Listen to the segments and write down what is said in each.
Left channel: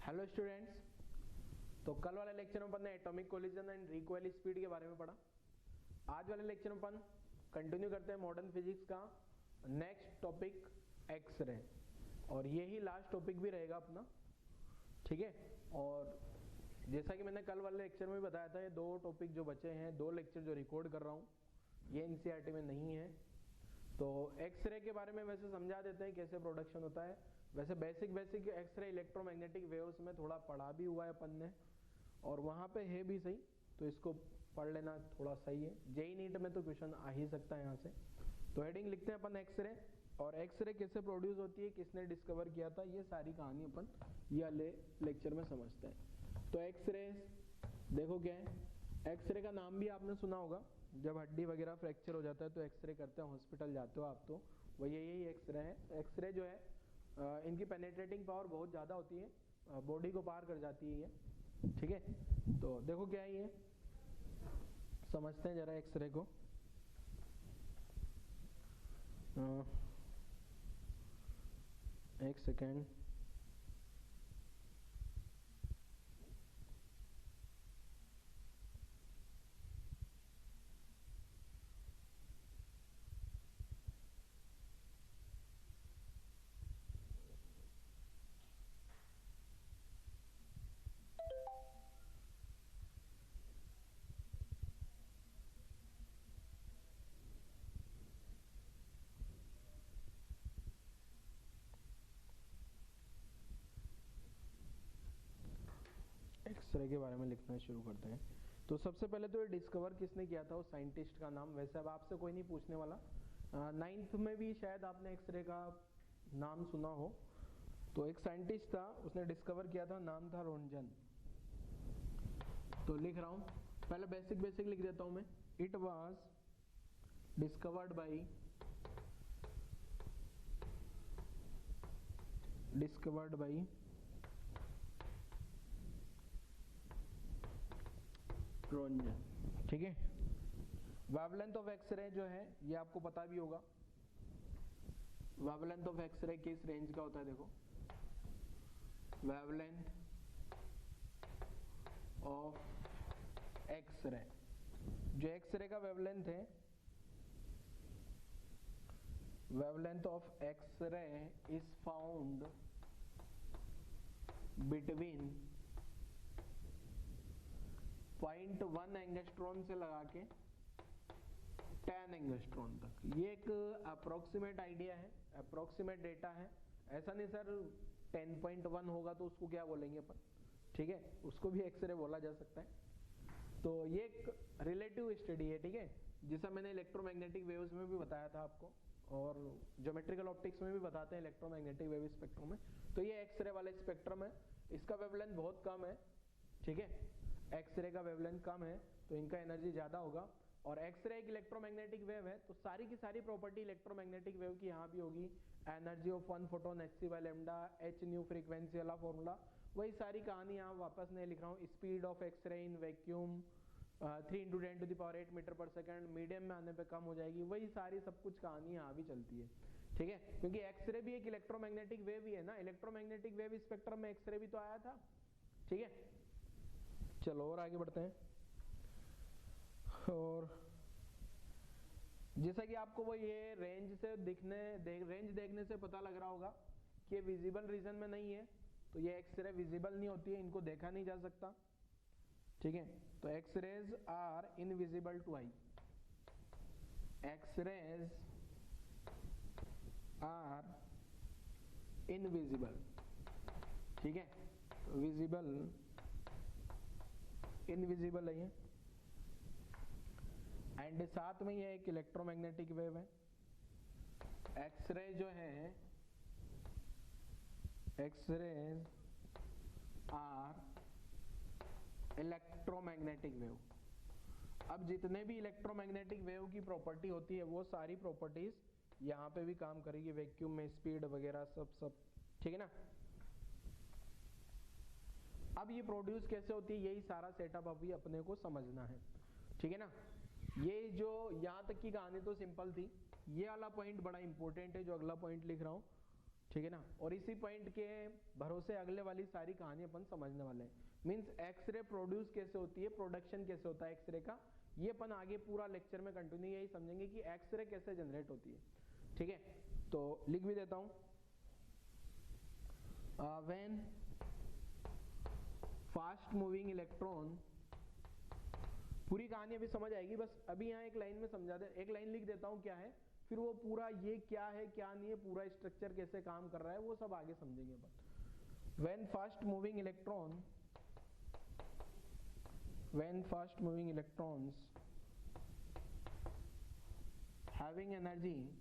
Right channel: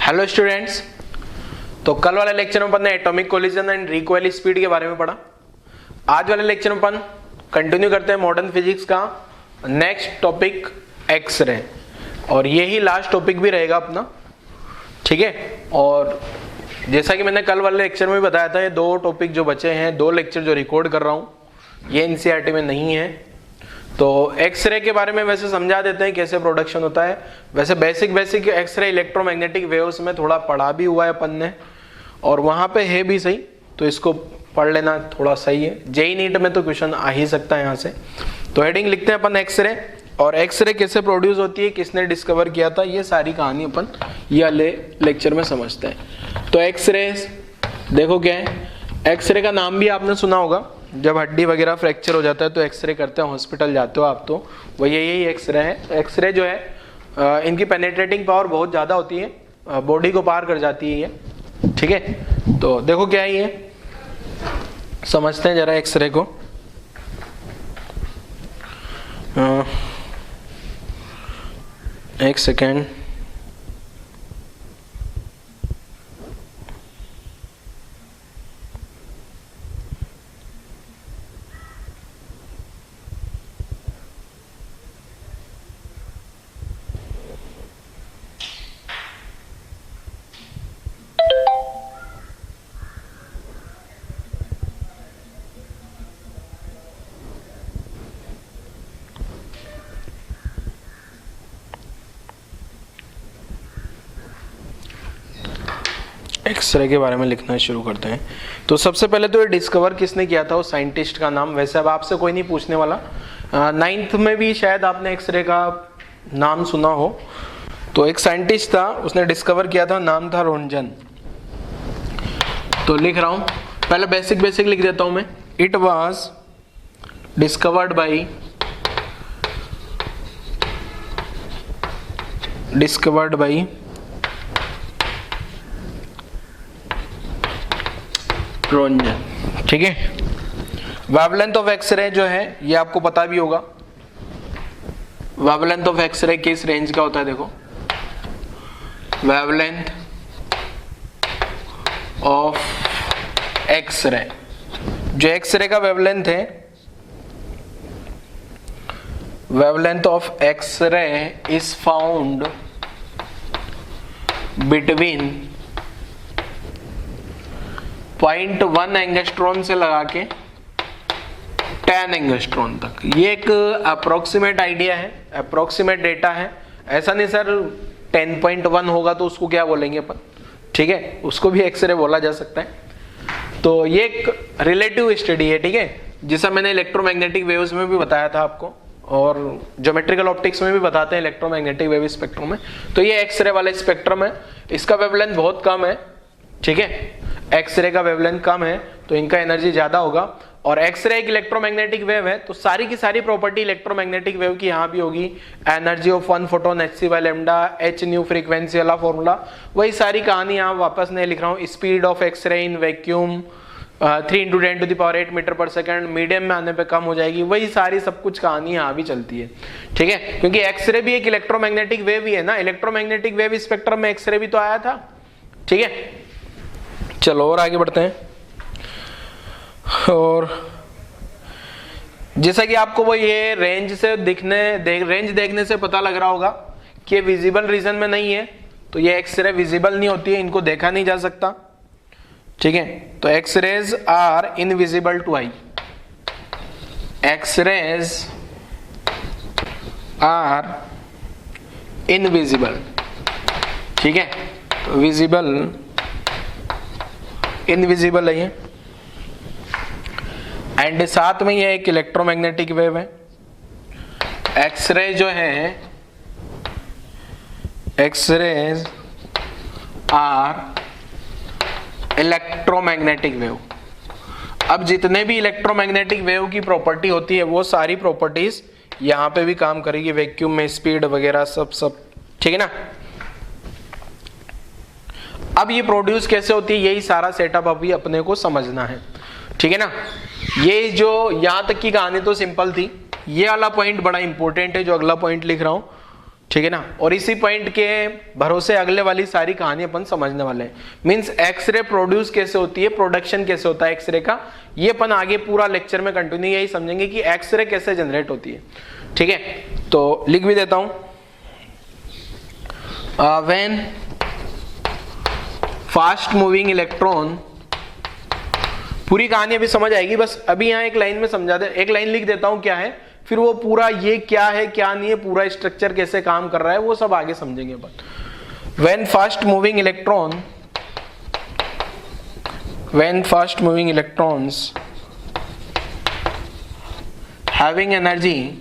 Hello students. तो कल वाले लेक्चर में अपन ने atomic collision and recoil speed के बारे में पढ़ा। आज वाले लेक्चर में अपन कंटिन्यू करते हैं मॉडर्न फिजिक्स का नेक्स्ट टॉपिक एक्सरे, और यही लास्ट टॉपिक भी रहेगा अपना, ठीक है। और जैसा कि मैंने कल वाले लेक्चर में भी बताया था, ये दो टॉपिक जो बचे हैं, दो लेक्चर जो रिकॉर्ड कर रहा हूँ, ये एनसीईआरटी में नहीं है। तो एक्सरे के बारे में वैसे समझा देते हैं कैसे प्रोडक्शन होता है। वैसे बेसिक एक्सरे इलेक्ट्रोमैग्नेटिक वेव्स में थोड़ा पढ़ा भी हुआ है अपन ने, और वहां पे है भी सही, तो इसको पढ़ लेना थोड़ा सही है। जेई नीट में तो क्वेश्चन आ ही सकता है यहाँ से। तो हेडिंग लिखते हैं अपन एक्सरे, और एक्सरे कैसे प्रोड्यूस होती है, किसने डिस्कवर किया था, ये सारी कहानी अपन ये वाले लेक्चर में समझते हैं। तो एक्सरे देखो क्या है, एक्सरे का नाम भी आपने सुना होगा। जब हड्डी वगैरह फ्रैक्चर हो जाता है तो एक्सरे करते हैं, हॉस्पिटल जाते हो आप, तो वो यही एक्सरे है। एक्सरे जो है इनकी पेनेट्रेटिंग पावर बहुत ज़्यादा होती है, बॉडी को पार कर जाती है ये, ठीक है। तो देखो क्या है ये, समझते हैं जरा एक्सरे को। एक सेकेंड, एक्सरे के बारे में लिखना शुरू करते हैं। तो सबसे पहले तो ये डिस्कवर किसने किया था, उस साइंटिस्ट का नाम। वैसे अब आपसे कोई नहीं पूछने वाला, 9th में भी शायद आपने एक्सरे का नाम सुना हो। तो एक साइंटिस्ट था, उसने डिस्कवर किया था, नाम था रोन्जन। तो लिख रहा हूं, पहले बेसिक लिख देता हूं मैं। इट वाज डिस्कवर्ड बाई रोन्जन, ठीक है। वेवलेंथ ऑफ एक्सरे जो है ये आपको पता भी होगा। वेवलेंथ ऑफ एक्सरे किस रेंज का होता है, देखो। वेवलेंथ ऑफ एक्सरे, जो एक्सरे का वेवलेंथ है, wavelength of X-ray is found between 0.1 angstrom से लगा के 10 एंगस्ट्रॉन तक। ये एक अप्रोक्सीमेट आइडिया है, अप्रोक्सीमेट डेटा है। ऐसा नहीं सर 10.1 होगा तो उसको क्या बोलेंगे अपन, ठीक है, उसको भी एक्सरे बोला जा सकता है। तो ये एक रिलेटिव स्टडी है, ठीक है, जिसे मैंने इलेक्ट्रोमैग्नेटिक वेव्स में भी बताया था आपको, और ज्योमेट्रिकल ऑप्टिक्स में भी बताते हैं इलेक्ट्रोमैग्नेटिक वेव स्पेक्ट्रम में। तो ये एक्सरे वाला स्पेक्ट्रम है, इसका वेवलेंथ बहुत कम है, ठीक है। एक्सरे का वेवलेंथ कम है तो इनका एनर्जी ज्यादा होगा। और एक्सरे एक इलेक्ट्रोमैग्नेटिक वेव है, तो सारी की सारी प्रॉपर्टी इलेक्ट्रोमैग्नेटिक वेव की यहाँ भी होगी। Energy of one photon hc/λ, h nu frequency वाला फॉर्मूला, वही सारी कहानी यहाँ वापस नहीं लिख रहा हूँ। Speed of X-ray in vacuum 3 × 10⁸ metre पर सेकेंड, मीडियम में आने पे कम हो जाएगी, वही सारी सब कुछ कहानी यहाँ भी चलती है, ठीक है। क्योंकि एक्सरे भी एक इलेक्ट्रोमैग्नेटिक वेव ही है ना, इलेक्ट्रोमैग्नेटिक वेव स्पेक्ट्रम में एक्सरे भी तो आया था, ठीक है। चलो और आगे बढ़ते हैं। और जैसा कि आपको वो ये रेंज देखने से पता लग रहा होगा कि ये विजिबल रीजन में नहीं है, तो ये एक्सरे विजिबल नहीं होती है, इनको देखा नहीं जा सकता, ठीक है। तो X-rays are invisible to eye, X-rays are invisible, ठीक है। तो विजिबल इनविजिबल है ये, एंड साथ में ये एक इलेक्ट्रोमैग्नेटिक वेव है। एक्सरे जो है, एक्सरेज आर इलेक्ट्रोमैग्नेटिक वेव। अब जितने भी इलेक्ट्रोमैग्नेटिक वेव की प्रॉपर्टी होती है वो सारी प्रॉपर्टीज यहां पे भी काम करेगी, वैक्यूम में स्पीड वगैरह सब, ठीक है ना। अब ये प्रोड्यूस कैसे होती है, यही सारा सेटअप अभी अपने को समझना है, ठीक है ना। ये जो यहां तक की कहानी तो सिंपल थी, ये वाला पॉइंट बड़ा इंपॉर्टेंट है जो अगला पॉइंट लिख रहा हूं। ठीक है ना। और इसी पॉइंट के भरोसे अगले वाली सारी कहानी अपन समझने वाले हैं। मींस एक्सरे प्रोड्यूस कैसे होती है, प्रोडक्शन कैसे होता है एक्सरे का, ये अपन आगे पूरा लेक्चर में कंटिन्यू यही समझेंगे कि एक्सरे कैसे जनरेट होती है। ठीक है, तो लिख भी देता हूं, व्हेन फास्ट मूविंग इलेक्ट्रॉन, पूरी कहानी अभी समझ आएगी, बस अभी यहां एक लाइन में समझा दे, एक लाइन लिख देता हूं क्या है, फिर वो पूरा ये क्या है क्या नहीं है, पूरा स्ट्रक्चर कैसे काम कर रहा है, वो सब आगे समझेंगे अपन। When fast moving electron, when fast moving electrons having energy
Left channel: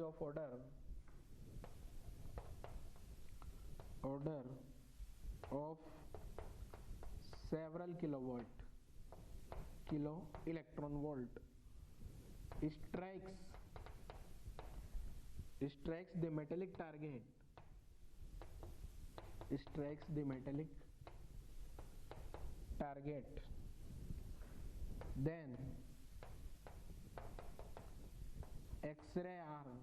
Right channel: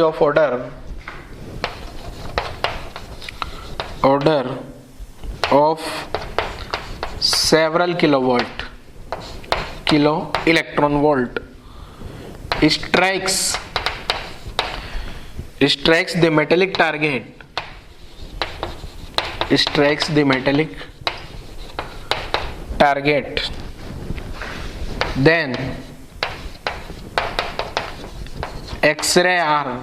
of order of several kilo electron volt strikes the metallic target, then X-ray are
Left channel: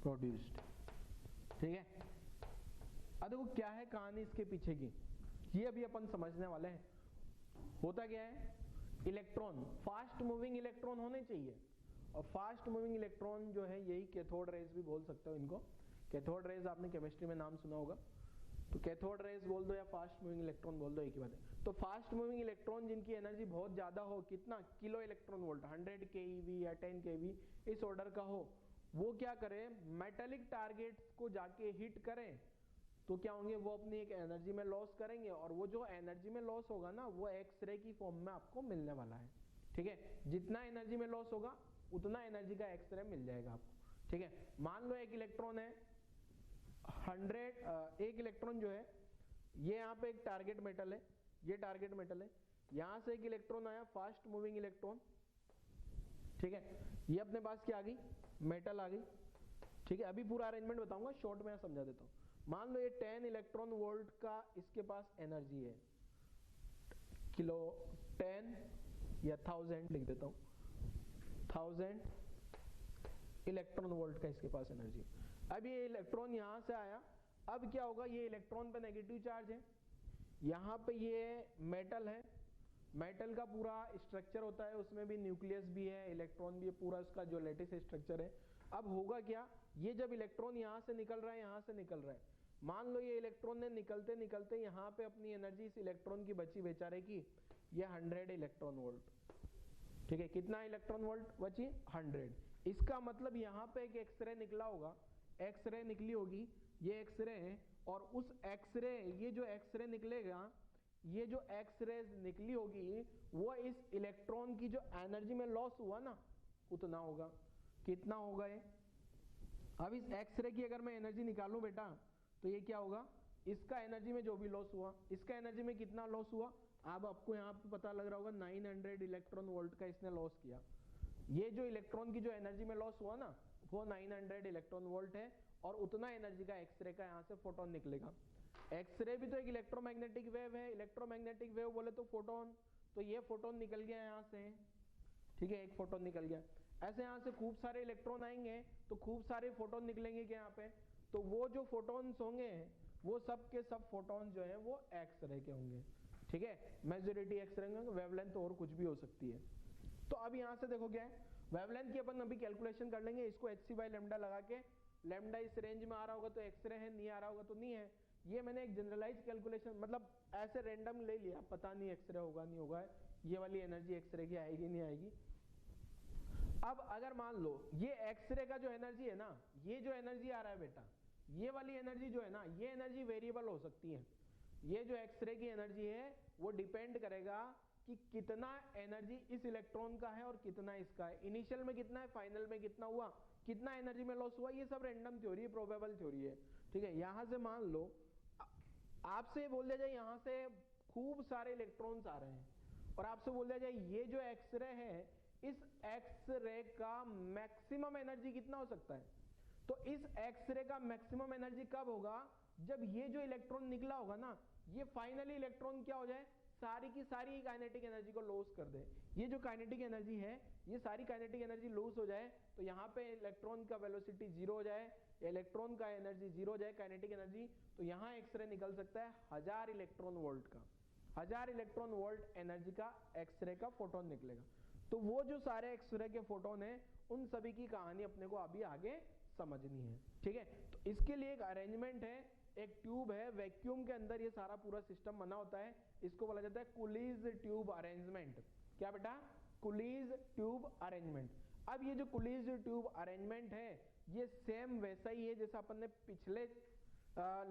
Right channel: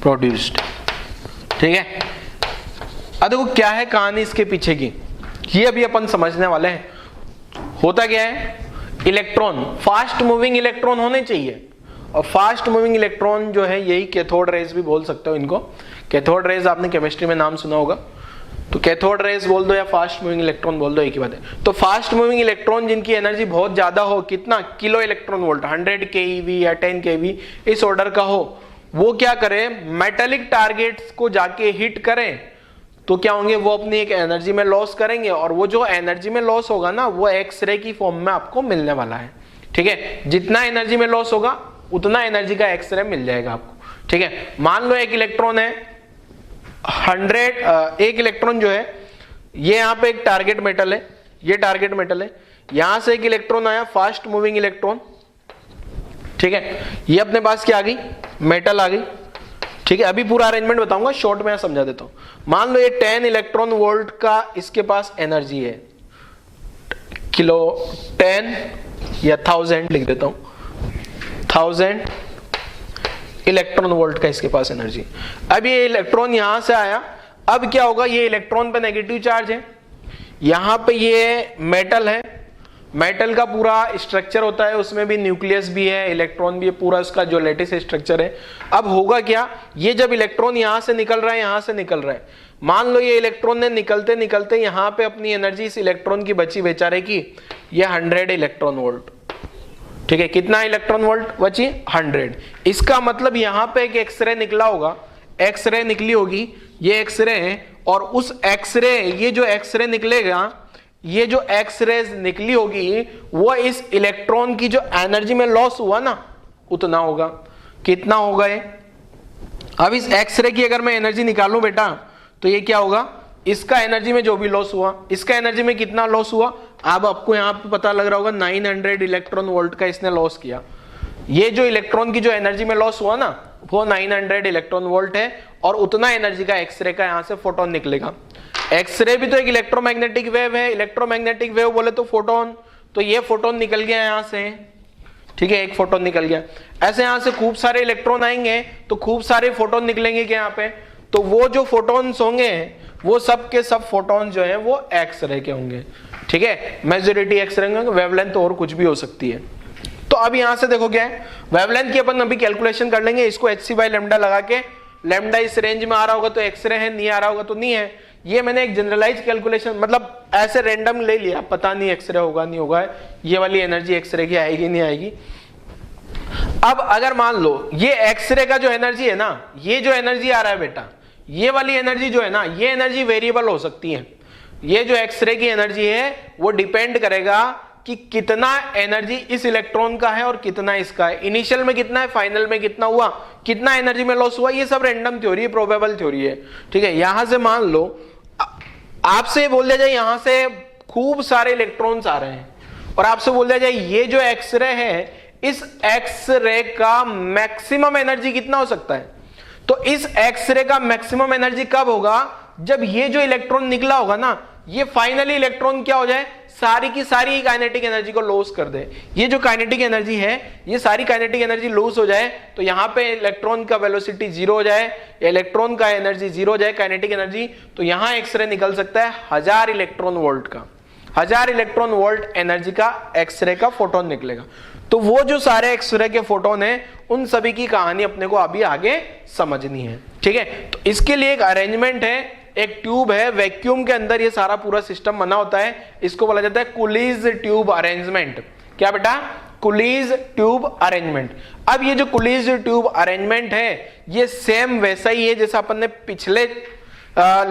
produced। ठीक है, अब देखो क्या है कहानी इसके पीछे की, ये अभी अपन समझने वाले हैं। होता क्या है, इलेक्ट्रॉन, फास्ट मूविंग इलेक्ट्रॉन होने चाहिए, और फास्ट मूविंग इलेक्ट्रॉन जो है यही कैथोड रेज भी बोल सकते हो इनको। कैथोड रेज आपने केमिस्ट्री में नाम सुना होगा, तो कैथोड रेज बोल दो या फास्ट मूविंग इलेक्ट्रॉन बोल दो, एक ही बात है। तो फास्ट मूविंग इलेक्ट्रॉन जिनकी एनर्जी बहुत ज्यादा हो, कितना, किलो इलेक्ट्रॉन वोल्ट, 100 keV या 10 keV इस ऑर्डर का हो, वो क्या करे, मेटेलिक टारगेट्स को जाके हिट करें, तो क्या होंगे, वो अपनी एक एनर्जी में लॉस करेंगे, और वो जो एनर्जी में लॉस होगा ना, वो एक्सरे की फॉर्म में आपको मिलने वाला है। ठीक है, जितना एनर्जी में लॉस होगा उतना एनर्जी का एक्सरे मिल जाएगा आपको। ठीक है, मान लो एक इलेक्ट्रॉन है 100, एक इलेक्ट्रॉन जो है ये यहाँ पे एक टारगेट मेटल है, ये टारगेट मेटल है, यहां से एक इलेक्ट्रॉन आया फास्ट मूविंग इलेक्ट्रॉन। ठीक है, ये अपने पास क्या आ गई, मेटल आ गई। ठीक है, अभी पूरा अरेंजमेंट बताऊंगा, शॉर्ट में समझा देता हूं। मान लो ये 10 इलेक्ट्रॉन वोल्ट का इसके पास एनर्जी है, किलो 10 या 1000 लिख देता हूं, 1000 इलेक्ट्रॉन वोल्ट का इसके पास एनर्जी। अब ये इलेक्ट्रॉन यहां से आया, अब क्या होगा, ये इलेक्ट्रॉन पे नेगेटिव चार्ज है, यहां पे ये मेटल है, मेटल का पूरा स्ट्रक्चर होता है, उसमें भी न्यूक्लियस भी है, इलेक्ट्रॉन भी है, पूरा उसका जो लेटिस स्ट्रक्चर है। अब होगा क्या, ये जब इलेक्ट्रॉन यहां से निकल रहा है, यहां से निकल रहा है, मान लो ये इलेक्ट्रॉन ने निकलते निकलते यहां पे अपनी एनर्जी इस इलेक्ट्रॉन की बची बेचारे की, ये 100 इलेक्ट्रॉन वोल्ट। ठीक है, कितना इलेक्ट्रॉन वोल्ट बची, 100। इसका मतलब यहां पे एक एक्सरे निकला होगा, एक्सरे निकली होगी, ये एक्सरे है, और उस एक्सरे, ये जो एक्सरे निकलेगा, ये जो एक्सरेज निकली होगी, वो इस इलेक्ट्रॉन की जो एनर्जी में लॉस हुआ ना, उतना होगा। कितना होगा ये, अब इस एक्सरे की अगर मैं एनर्जी निकालूं बेटा, तो ये क्या होगा, इसका एनर्जी में जो भी लॉस हुआ, इसका एनर्जी में कितना लॉस हुआ, अब आपको यहां पे पता लग रहा होगा 900 इलेक्ट्रॉन वोल्ट का इसने लॉस किया। ये जो इलेक्ट्रॉन की जो एनर्जी में लॉस हुआ ना, वो 900 इलेक्ट्रॉन वोल्ट है, और उतना एनर्जी का एक्सरे का यहां से फोटोन निकलेगा। एक्सरे भी तो एक इलेक्ट्रोमैग्नेटिक वेव है, इलेक्ट्रोमैग्नेटिक वेव बोले तो फोटोन, तो ये फोटोन निकल गया यहां से। ठीक है, एक फोटोन निकल गया, ऐसे यहां से खूब सारे इलेक्ट्रॉन आएंगे, तो खूब सारे फोटोन निकलेंगे क्या यहाँ पे, तो वो जो फोटोन्स होंगे, वो सब के सब फोटोन जो है वो एक्सरे के होंगे। ठीक है, मेजॉरिटी एक्सरे होंगे, वेवलेंथ और कुछ भी हो सकती है। तो अब यहां से देखो क्या है, वेवलेंथ की अपन अभी कैलकुलेशन कर लेंगे, इसको hc/λ लगा के, लैम्डा इस रेंज में आ रहा होगा तो एक्सरे है, नहीं आ रहा होगा तो नहीं है। ये मैंने एक जनरलाइज कैलकुलेशन, मतलब ऐसे रैंडम ले लिया, पता नहीं एक्सरे होगा नहीं होगा, ये वाली एनर्जी एक्सरे की आएगी नहीं आएगी। अब अगर मान लो ये एक्सरे का जो एनर्जी है ना, ये जो एनर्जी आ रहा है बेटा, ये वाली एनर्जी जो है ना, ये एनर्जी वेरिएबल हो सकती है। ये जो एक्सरे की एनर्जी है वो डिपेंड करेगा कि कितना एनर्जी इस इलेक्ट्रॉन का है और कितना इसका है, इनिशियल में कितना है, फाइनल में कितना हुआ, कितना एनर्जी में लॉस हुआ। ये सब रैंडम थ्योरी है, प्रोबेबल थ्योरी है। ठीक है, यहां से मान लो आपसे बोल दिया जाए यहां से खूब सारे इलेक्ट्रॉन्स आ रहे हैं, और आपसे बोल दिया जाए ये जो एक्सरे है, इस एक्सरे का मैक्सिमम एनर्जी कितना हो सकता है, तो इस एक्सरे का मैक्सिमम एनर्जी कब होगा, जब ये जो इलेक्ट्रॉन निकला होगा ना, ये फाइनली इलेक्ट्रॉन क्या हो जाए, सारी की सारी काइनेटिक एनर्जी को लॉस कर दे। ये जो काइनेटिक एनर्जी है, ये सारी काइनेटिक एनर्जी लॉस हो जाए तो यहाँ पे इलेक्ट्रॉन का वेलोसिटी जीरो हो जाए, इलेक्ट्रॉन का एनर्जी जीरो हो जाए, काइनेटिक एनर्जी, तो यहाँ एक्सरे निकल सकता है 1000 इलेक्ट्रॉन वोल्ट का, 1000 इलेक्ट्रॉन वोल्ट एनर्जी का एक्सरे का फोटोन निकलेगा। तो वो जो सारे एक्सरे के फोटोन है, उन सभी की कहानी अपने को अभी आगे समझनी है, ठीक है। तो इसके लिए एक अरेंजमेंट है, एक ट्यूब है, वैक्यूम के अंदर ये सारा पूरा सिस्टम बना होता है, इसको बोला जाता है कुलीज ट्यूब अरेंजमेंट। क्या बेटा, कुलीज ट्यूब अरेंजमेंट। अब ये जो कुलीज ट्यूब अरेंजमेंट है, ये सेम वैसा ही है जैसा अपन ने पिछले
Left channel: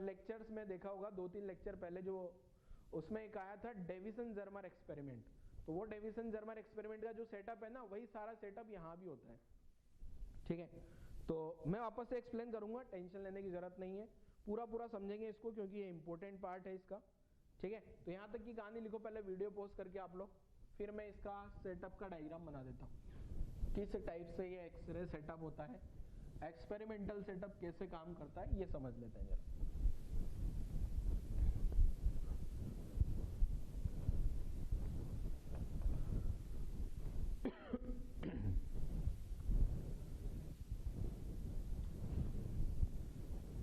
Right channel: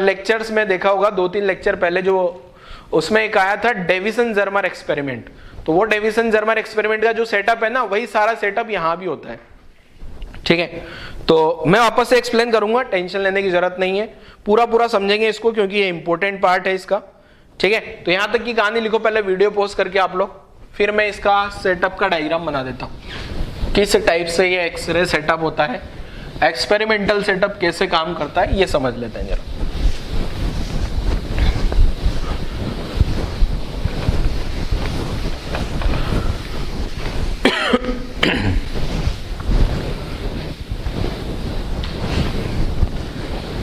लेक्चर्स में देखा होगा, 2-3 लेक्चर पहले, जो उसमें एक आया था डेविसन जर्मर एक्सपेरिमेंट। तो वो डेविसन जर्मर एक्सपेरिमेंट का जो सेटअप है ना, वही सारा सेटअप यहां भी होता है, ठीक है। तो मैं वापस से एक्सप्लेन करूंगा, टेंशन लेने की जरूरत नहीं है, पूरा समझेंगे इसको क्योंकि ये इंपॉर्टेंट पार्ट है इसका, ठीक है। तो यहां तक की कहानी लिखो पहले वीडियो पॉज करके आप लोग, फिर मैं इसका सेटअप का डायग्राम बना देता हूं, किस टाइप से ये एक्सरे सेटअप होता है, एक्सपेरिमेंटल सेटअप कैसे काम करता है, ये समझ लेते हैं जरा।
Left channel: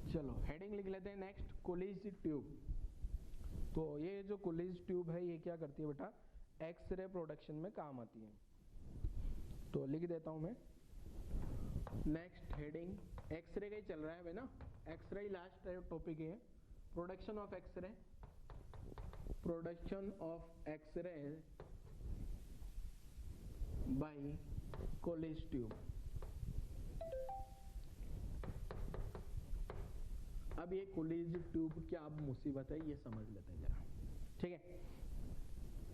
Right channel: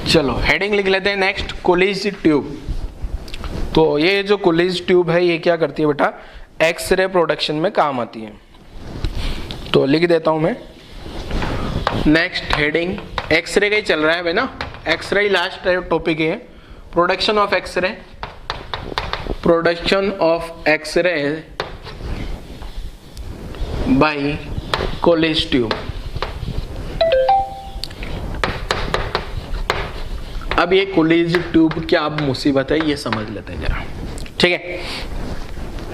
चलो हेडिंग लिख लेते हैं नेक्स्ट, कुलीज ट्यूब। तो ये जो कुलीज ट्यूब है, ये क्या करती है बेटा, एक्सरे प्रोडक्शन में काम आती है। तो लिख देता हूं मैं नेक्स्ट हेडिंग, एक्सरे का ही चल रहा है भाई ना, एक्सरे ही लास्ट टॉपिक है, production of X-ray, production of X-ray by Coolidge tube. अब ये कुलीज ट्यूब क्या मुसीबत है, ये समझ लेते हैं जरा, ठीक है।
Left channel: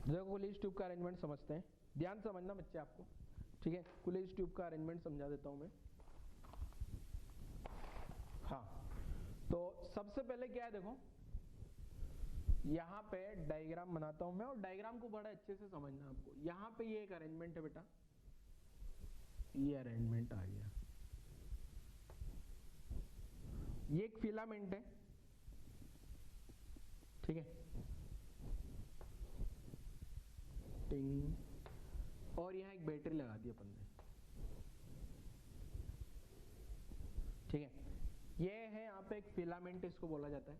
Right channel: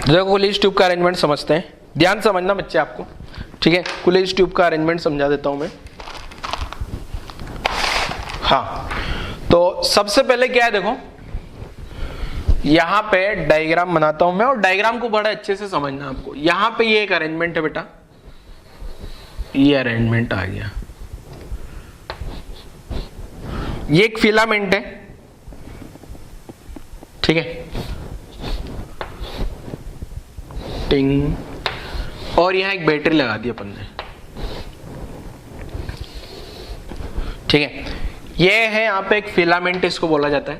देखो कुलीज ट्यूब का अरेंजमेंट समझते हैं, ध्यान समझना बच्चे आपको, ठीक है। कुलीज ट्यूब का अरेंजमेंट समझा देता हूं मैं। हाँ, तो सबसे पहले क्या है, देखो यहां पे डायग्राम बनाता हूं मैं, और डायग्राम को बड़ा अच्छे से समझना आपको। यहां पे ये एक अरेंजमेंट है बेटा, ये अरेंजमेंट आ गया, ये एक फिलामेंट है, ठीक है, टिंग, और यहां एक बैटरी लगा दी अपन ने, ठीक है। ये है यहाँ पे एक फिलामेंट, इसको बोला जाता है।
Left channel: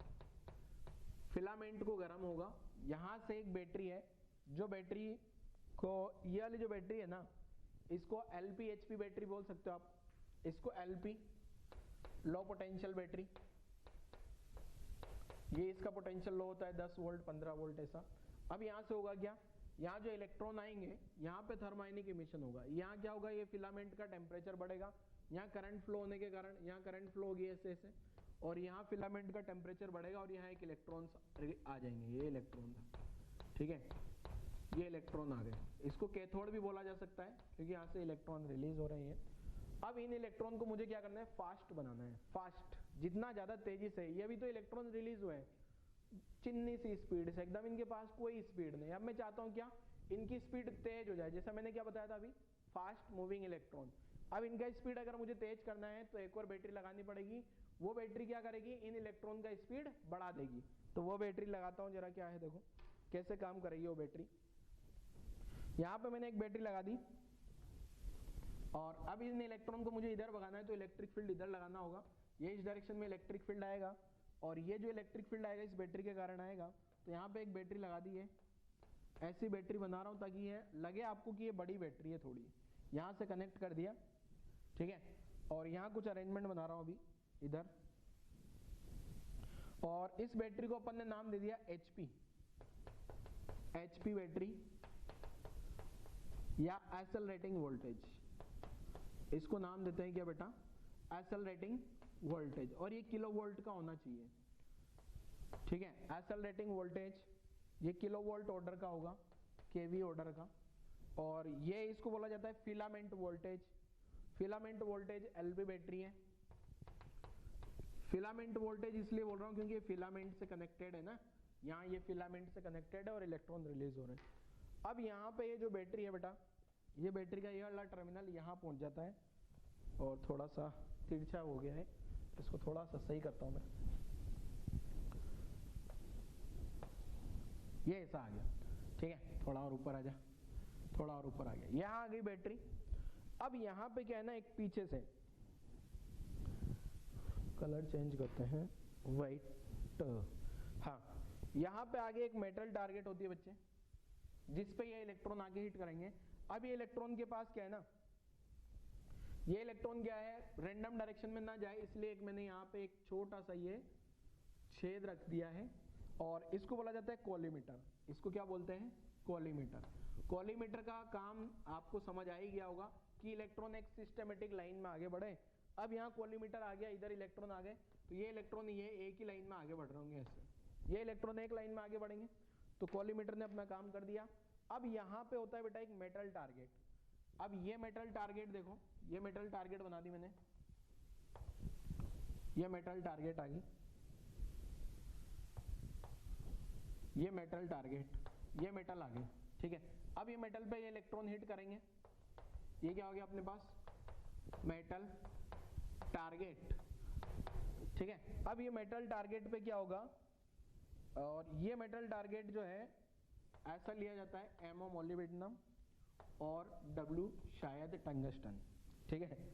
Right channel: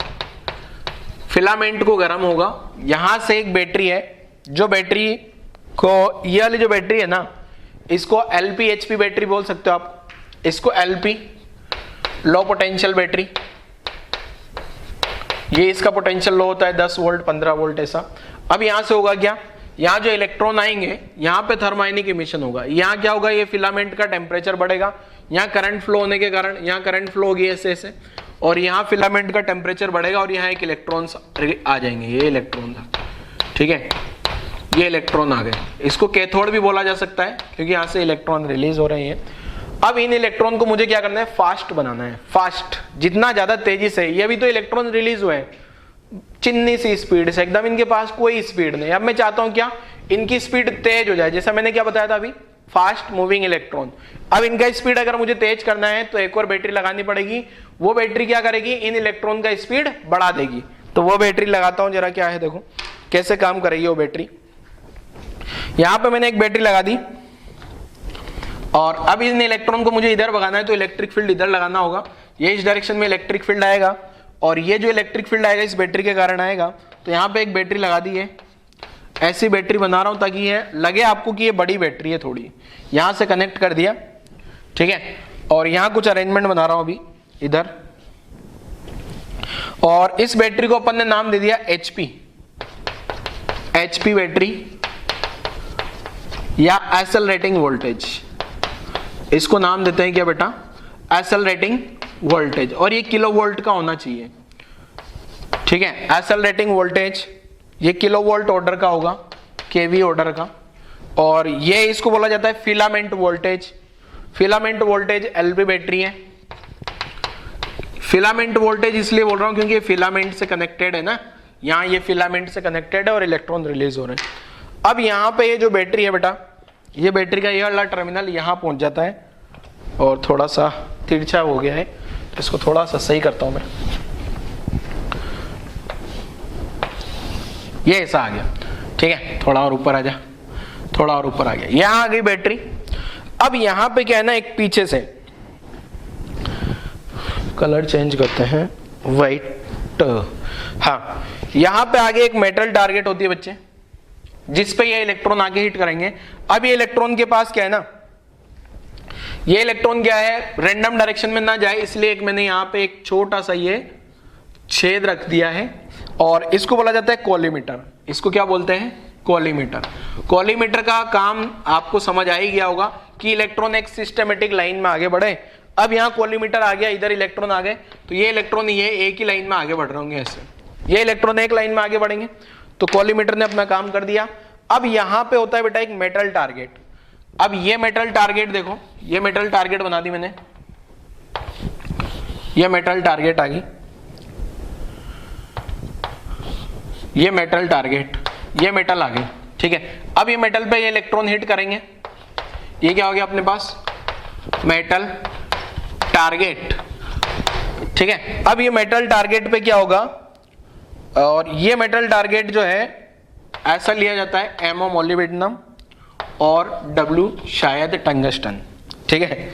फिलामेंट को गर्म होगा, यहां से एक बैटरी है, जो बैटरी को, ये वाली जो बैटरी है ना, इसको LP-HP बैटरी बोल सकते हो आप, इसको LP लो पोटेंशियल बैटरी, ये इसका पोटेंशियल लो होता है 10 वोल्ट 15 वोल्ट ऐसा। अब यहां से होगा क्या, यहां जो इलेक्ट्रॉन आएंगे, यहां पे थर्मोआयनिक इमिशन होगा, यहां क्या होगा, ये फिलामेंट का टेम्परेचर बढ़ेगा, यहां करंट फ्लो होने के कारण यहां करंट फ्लो होगी ऐसे ऐसे, और यहां फिलामेंट का टेम्परेचर बढ़ेगा, और यहां एक इलेक्ट्रॉन आ जाएंगे, ये इलेक्ट्रॉन था, ठीक है, ये इलेक्ट्रॉन आ गए। इसको कैथोड भी बोला जा सकता है क्योंकि यहां से इलेक्ट्रॉन रिलीज हो रहे हैं। अब इन इलेक्ट्रॉन को मुझे क्या करना है, फास्ट बनाना है, फास्ट, जितना ज्यादा तेजी से। ये भी तो इलेक्ट्रॉन रिलीज हुए हैं चिन्नी सी स्पीड से, एकदम इनके पास कोई स्पीड नहीं। अब मैं चाहता हूं क्या, इनकी स्पीड तेज हो जाए, जैसा मैंने क्या बताया था अभी, फास्ट मूविंग इलेक्ट्रॉन। अब इनका स्पीड अगर मुझे तेज करना है तो एक और बैटरी लगानी पड़ेगी, वो बैटरी क्या करेगी, इन इलेक्ट्रॉन का स्पीड बढ़ा देगी। तो वो बैटरी लगाता हूं जरा, क्या है देखो कैसे काम करेगी वो बैटरी। यहां पे मैंने एक बैटरी लगा दी, और अब इन इलेक्ट्रॉन को मुझे इधर भगाना है, तो इलेक्ट्रिक फील्ड इधर लगाना होगा, ये इस डायरेक्शन में इलेक्ट्रिक फील्ड आएगा, और ये जो इलेक्ट्रिक फील्ड आएगा इस बैटरी के कारण आएगा। तो यहाँ पे एक बैटरी लगा दी है, ऐसी बैटरी बना रहा हूं ताकि ये लगे आपको कि ये बड़ी बैटरी है थोड़ी, यहां से कनेक्ट कर दिया, ठीक है। और यहां कुछ अरेंजमेंट बना रहा हूं अभी इधर, और इस बैटरी को अपन ने नाम दे दिया HP बैटरी या एक्सेलरेटिंग वोल्टेज, इसको नाम देते हैं क्या बेटा, एक्सेलरेटिंग वोल्टेज, और ये किलो वोल्ट का होना चाहिए, ठीक है। एक्सेलरेटिंग वोल्टेज ये किलो वोल्ट ऑर्डर का होगा, केवी ऑर्डर का, और ये इसको बोला जाता है filament voltage. Filament voltage LP battery है। फिलामेंट वोल्टेज इसलिए बोल रहा हूं क्योंकि ये फिलामेंट से कनेक्टेड है ना, यहाँ ये फिलामेंट से कनेक्टेड है और इलेक्ट्रॉन रिलीज हो रहे हैं। अब यहाँ पे ये जो बैटरी है बेटा, ये बैटरी का ये वाला टर्मिनल यहाँ पहुंच जाता है, और थोड़ा सा तिरछा हो गया है, इसको थोड़ा सा सही करता हूं मैं। ये ऐसा आ गया, ठीक है। थोड़ा और ऊपर आ जा, थोड़ा और ऊपर आ गया, यहां आ गई बैटरी। अब यहां पे क्या है ना, एक पीछे से कलर चेंज करते हैं, व्हाइट, हाँ, यहां पे आगे एक मेटल टारगेट होती है बच्चे, जिस पे ये इलेक्ट्रॉन आगे हिट करेंगे। अब ये इलेक्ट्रॉन के पास क्या है ना, ये इलेक्ट्रॉन क्या है, रैंडम डायरेक्शन में ना जाए, इसलिए एक मैंने यहां पे एक छोटा सा ये छेद रख दिया है, और इसको बोला जाता है कॉलीमीटर। इसको क्या बोलते हैं, कॉलीमीटर। कॉलीमीटर का काम आपको समझ आ ही गया होगा कि इलेक्ट्रॉन एक सिस्टमेटिक लाइन में आगे बढ़े। अब यहाँ कॉलीमीटर आ गया, इधर इलेक्ट्रॉन आ गए, तो ये इलेक्ट्रॉन ये एक ही लाइन में आगे बढ़ रहे होंगे ऐसे, ये इलेक्ट्रॉन एक लाइन में आगे बढ़ेंगे, तो कॉलीमीटर ने अपना काम कर दिया। अब यहाँ पे होता है बेटा एक मेटल टारगेट। अब ये मेटल टारगेट देखो, ये मेटल टारगेट बना दी मैंने, ये मेटल टारगेट आ गई, ये मेटल टारगेट, ये मेटल आ गई, ठीक है। अब ये मेटल पे ये इलेक्ट्रॉन हिट करेंगे, ये क्या हो गया अपने पास, मेटल टारगेट, ठीक है। अब ये मेटल टारगेट पे क्या होगा, और ये मेटल टारगेट जो है ऐसा लिया जाता है, एमओ मोलिब्डेनम और W शायद टंगस्टन, ठीक है।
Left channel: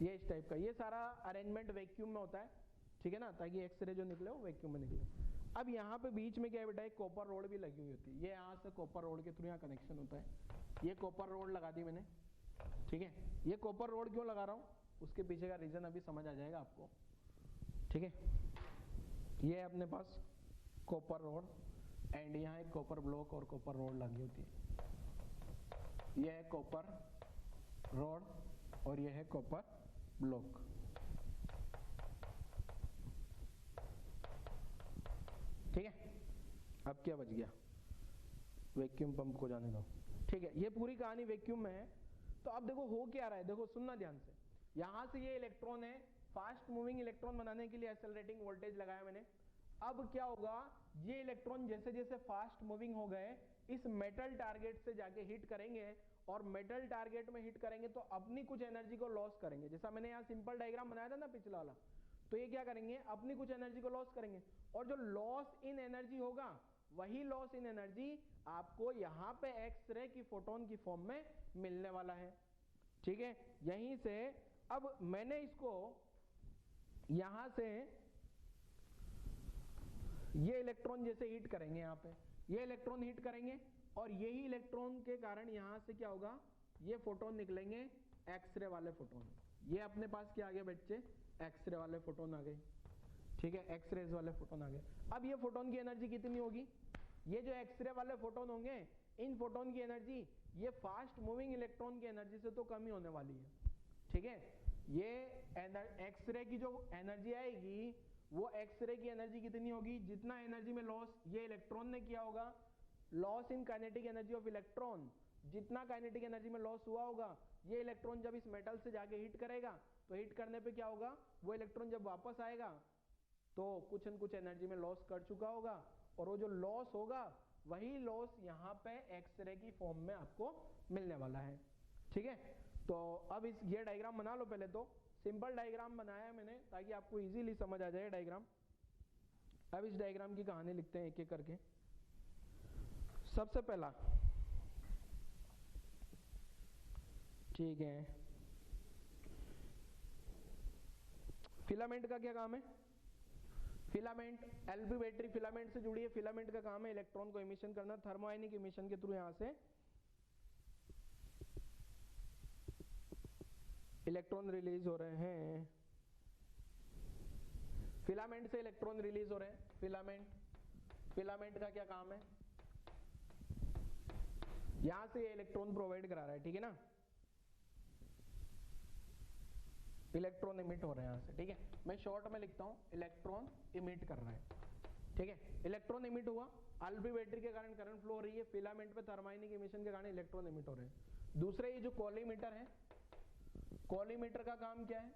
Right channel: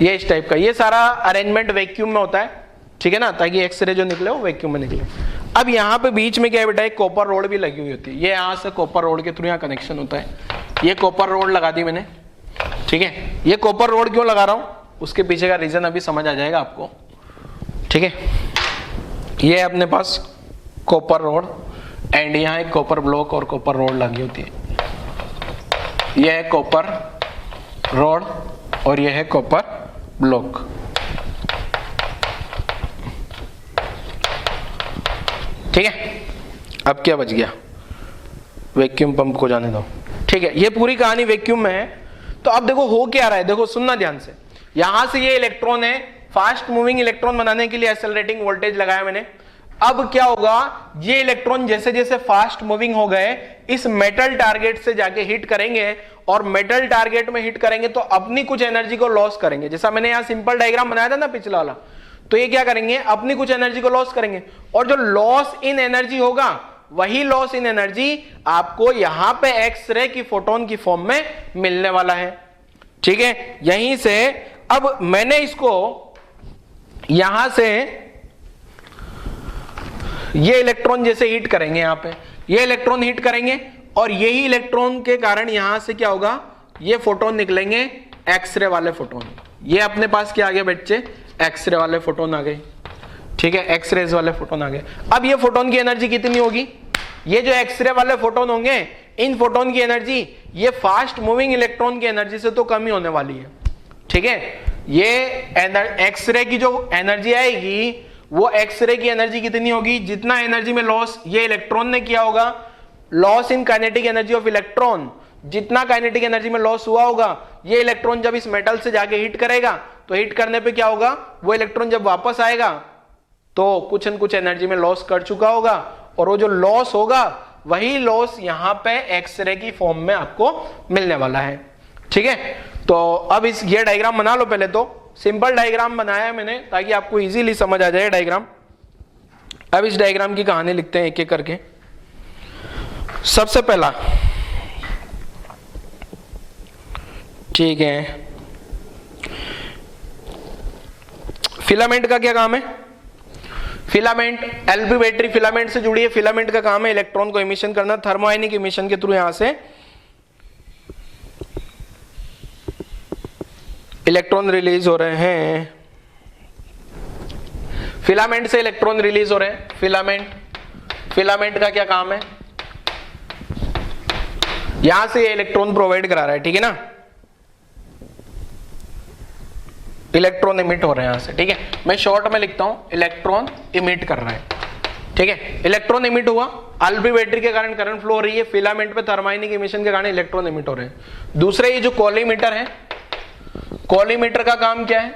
ये इस टाइप का, ये सारा अरेंजमेंट वैक्यूम में होता है, ठीक है ना, ताकि एक्सरे जो निकले वो वैक्यूम में निकले। अब यहाँ पे बीच में क्या है बेटा, एक कॉपर रोड भी लगी हुई होती है, ये यहाँ से कॉपर रोड के थ्रू यहाँ कनेक्शन होता है, ये कॉपर रोड लगा दी मैंने, ठीक है। ये कॉपर रोड क्यों लगा रहा हूँ, उसके पीछे का रीजन अभी समझ आ जाएगा आपको, ठीक है। ये अपने पास कॉपर रोड, एंड यहाँ एक कॉपर ब्लॉक और कॉपर रोड लगी होती है, यह है कॉपर रोड और यह है कॉपर ब्लॉक, ठीक है। अब क्या बच गया, वैक्यूम पंप को जाने दो, ठीक है। ये पूरी कहानी वैक्यूम में है। तो अब देखो हो क्या रहा है, देखो सुनना ध्यान से, यहां से ये इलेक्ट्रॉन है, फास्ट मूविंग इलेक्ट्रॉन बनाने के लिए एक्सेलरेटिंग वोल्टेज लगाया मैंने। अब क्या होगा, ये इलेक्ट्रॉन जैसे जैसे फास्ट मूविंग हो गए, इस मेटल टारगेट से जाके हिट करेंगे, और मेटल टारगेट में हिट करेंगे तो अपनी कुछ एनर्जी को लॉस करेंगे। जैसा मैंने यहां सिंपल डायग्राम बनाया था ना पिछला वाला, तो ये क्या करेंगे, अपनी कुछ एनर्जी को लॉस करेंगे, और जो लॉस इन एनर्जी होगा, वही लॉस इन एनर्जी आपको यहां पे एक्सरे की फोटोन की फॉर्म में मिलने वाला है, ठीक है। यहीं से अब मैंने इसको यहां से ये इलेक्ट्रॉन जैसे हिट करेंगे, यहां पे ये इलेक्ट्रॉन हिट करेंगे, और यही इलेक्ट्रॉन के कारण यहां से क्या होगा, ये फोटोन निकलेंगे, एक्सरे वाले फोटोन। ये अपने पास क्या आ गए बच्चे, एक्सरे वाले फोटोन आ गए, ठीक है, एक्सरेज वाले फोटोन आ गए। अब ये फोटोन की एनर्जी कितनी होगी, ये जो एक्सरे वाले फोटोन होंगे, इन फोटोन की एनर्जी ये फास्ट मूविंग इलेक्ट्रॉन की एनर्जी से तो कम ही होने वाली है, ठीक है। ये एक्सरे की जो एनर्जी आएगी, वो एक्सरे की एनर्जी कितनी होगी, जितना एनर्जी में लॉस ये इलेक्ट्रॉन ने किया होगा, loss in kinetic energy of electron, जितना काइनेटिक एनर्जी में लॉस हुआ होगा, ये इलेक्ट्रॉन जब इस मेटल से जाके हिट करेगा, तो हिट करने पे क्या होगा, वो इलेक्ट्रॉन जब वापस आएगा तो कुछ न कुछ एनर्जी में लॉस कर चुका होगा, और वो जो लॉस होगा वही लॉस यहां पे एक्सरे की फॉर्म में आपको मिलने वाला है, ठीक है। तो अब इस ये डायग्राम बना लो, पहले तो सिंपल डायग्राम बनाया है मैंने ताकि आपको इजीली समझ आ जाए डायग्राम। अब इस डायग्राम की कहानी लिखते हैं एक एक करके। सबसे पहला, ठीक है, फिलामेंट का क्या काम है, फिलामेंट एलपी बैटरी फिलामेंट से जुड़ी है, फिलामेंट का काम है इलेक्ट्रॉन को इमिशन करना, थर्मोआयनिक इमिशन के थ्रू यहां से इलेक्ट्रॉन रिलीज हो रहे हैं, फिलामेंट से इलेक्ट्रॉन रिलीज हो रहे हैं, फिलामेंट का क्या काम है, यहां से ये इलेक्ट्रॉन प्रोवाइड करा रहा है, ठीक है ना, इलेक्ट्रॉन इमिट हो रहे हैं यहां से, ठीक है। मैं शॉर्ट में लिखता हूं, इलेक्ट्रॉन इमिट कर रहा है, ठीक है। इलेक्ट्रॉन इमिट हुआ, एलपी बैटरी के कारण करंट फ्लो हो रही है, फिलामेंट पे थर्मोआयनिक इमिशन के कारण इलेक्ट्रॉन इमिट हो रहे हैं। दूसरे ये जो कॉलीमीटर है, कॉलीमीटर का काम क्या है,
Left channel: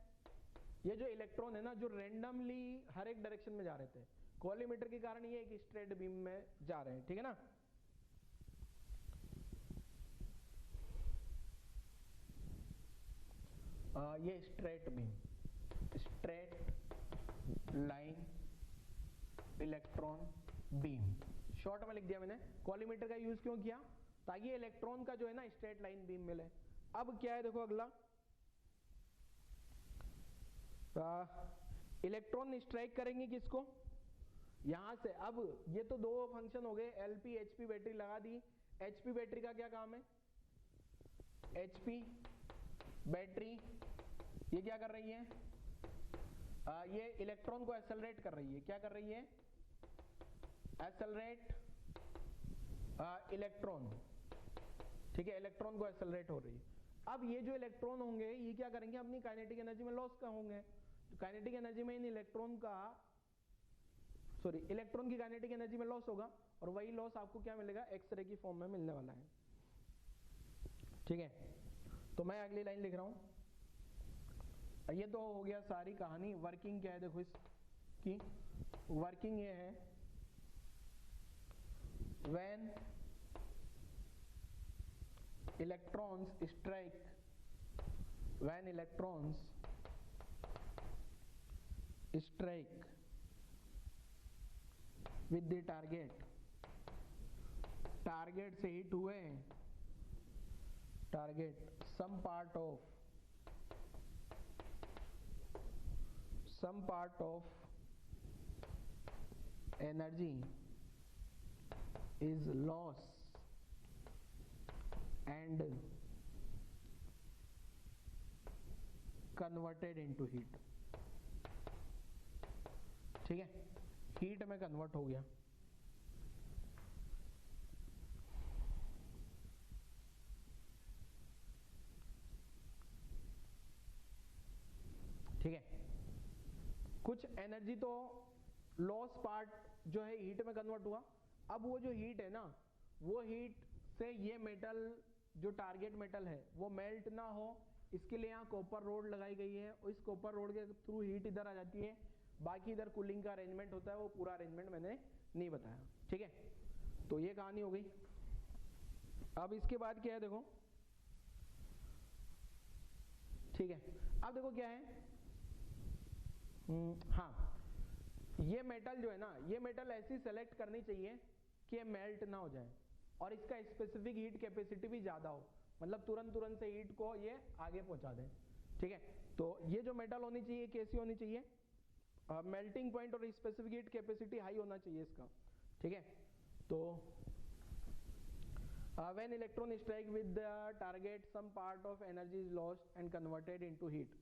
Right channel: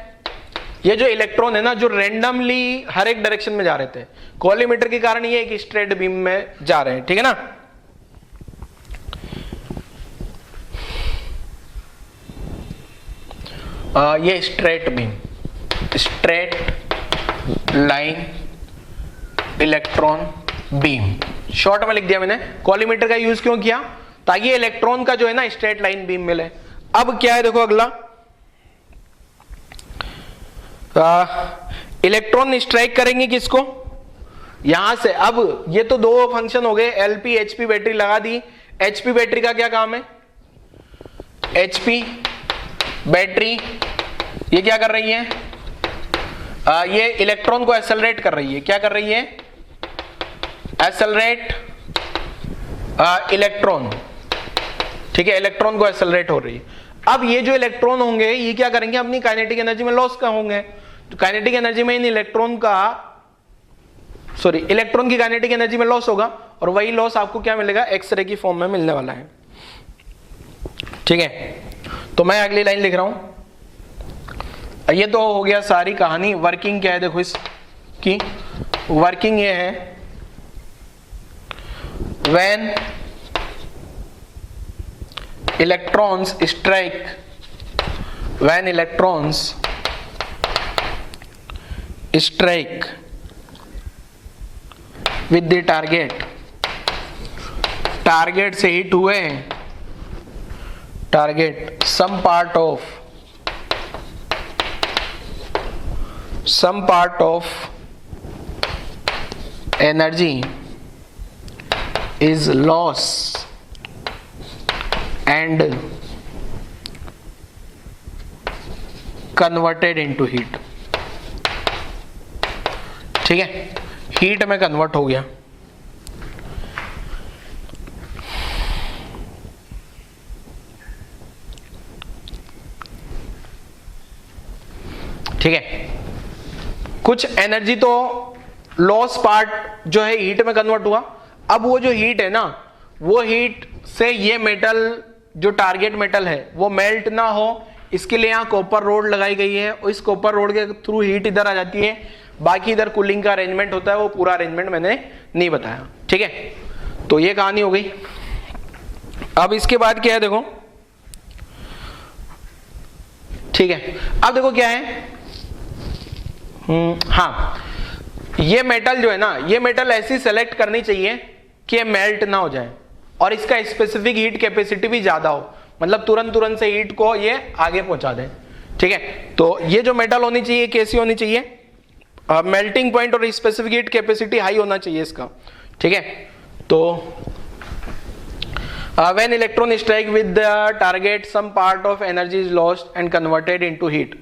ये जो इलेक्ट्रॉन है ना, जो रेंडमली हर एक डायरेक्शन में जा रहे थे, कॉलीमीटर के कारण ये एक स्ट्रेट बीम में जा रहे हैं, ठीक है ना। ये straight beam, straight line electron beam, short में लिख दिया मैंने। कॉलीमीटर का यूज क्यों किया? ताकि इलेक्ट्रॉन का जो है ना स्ट्रेट लाइन बीम मिले। अब क्या है देखो अगला, इलेक्ट्रॉन स्ट्राइक करेंगे किसको? यहां से। अब ये तो दो फंक्शन हो गए, एलपी एचपी बैटरी लगा दी। एचपी बैटरी का क्या काम है? एचपी बैटरी ये क्या कर रही है? ये इलेक्ट्रॉन को एक्सेलरेट कर रही है। क्या कर रही है? Accelerate electron. ठीक है, इलेक्ट्रॉन को एक्सेलरेट हो रही है। अब ये जो इलेक्ट्रॉन होंगे ये क्या करेंगे? अपनी काइनेटिक एनर्जी में लॉस का होंगे। तो काइनेटिक एनर्जी में इन इलेक्ट्रॉन की काइनेटिक एनर्जी में लॉस होगा, और वही लॉस आपको क्या मिलेगा? एक्सरे की फॉर्म में मिलने वाला है। ठीक है, तो मैं अगली लाइन लिख रहा हूं। ये तो हो गया सारी कहानी। वर्किंग क्या है देखो इसकी, वर्किंग ये है when electrons strike, when electrons strike with the target, target से हिट हुए, target some part of energy is lost and converted into heat। ठीक है, हीट में कन्वर्ट हो गया। ठीक है, कुछ एनर्जी तो लॉस पार्ट जो है हीट में कन्वर्ट हुआ। अब वो जो हीट है ना, वो हीट से ये मेटल जो टारगेट मेटल है वो मेल्ट ना हो, इसके लिए यहाँ कॉपर रोड लगाई गई है, और इस कॉपर रोड के थ्रू हीट इधर आ जाती है। बाकी इधर कूलिंग का अरेंजमेंट होता है, वो पूरा अरेंजमेंट मैंने नहीं बताया। ठीक है, तो ये कहानी हो गई। अब इसके बाद क्या है देखो, ठीक है, अब देखो क्या है। हाँ, ये मेटल जो है ना, ये मेटल ऐसी सेलेक्ट करनी चाहिए कि ये मेल्ट ना हो जाए, और इसका स्पेसिफिक हीट कैपेसिटी भी ज्यादा हो, मतलब तुरंत से हीट को ये आगे पहुंचा दे। ठीक है, तो ये जो मेटल होनी चाहिए कैसी होनी चाहिए? मेल्टिंग पॉइंट और स्पेसिफिक हीट कैपेसिटी हाई होना चाहिए इसका। ठीक है, तो when electron strike with the target some part of energy is lost and converted into heat।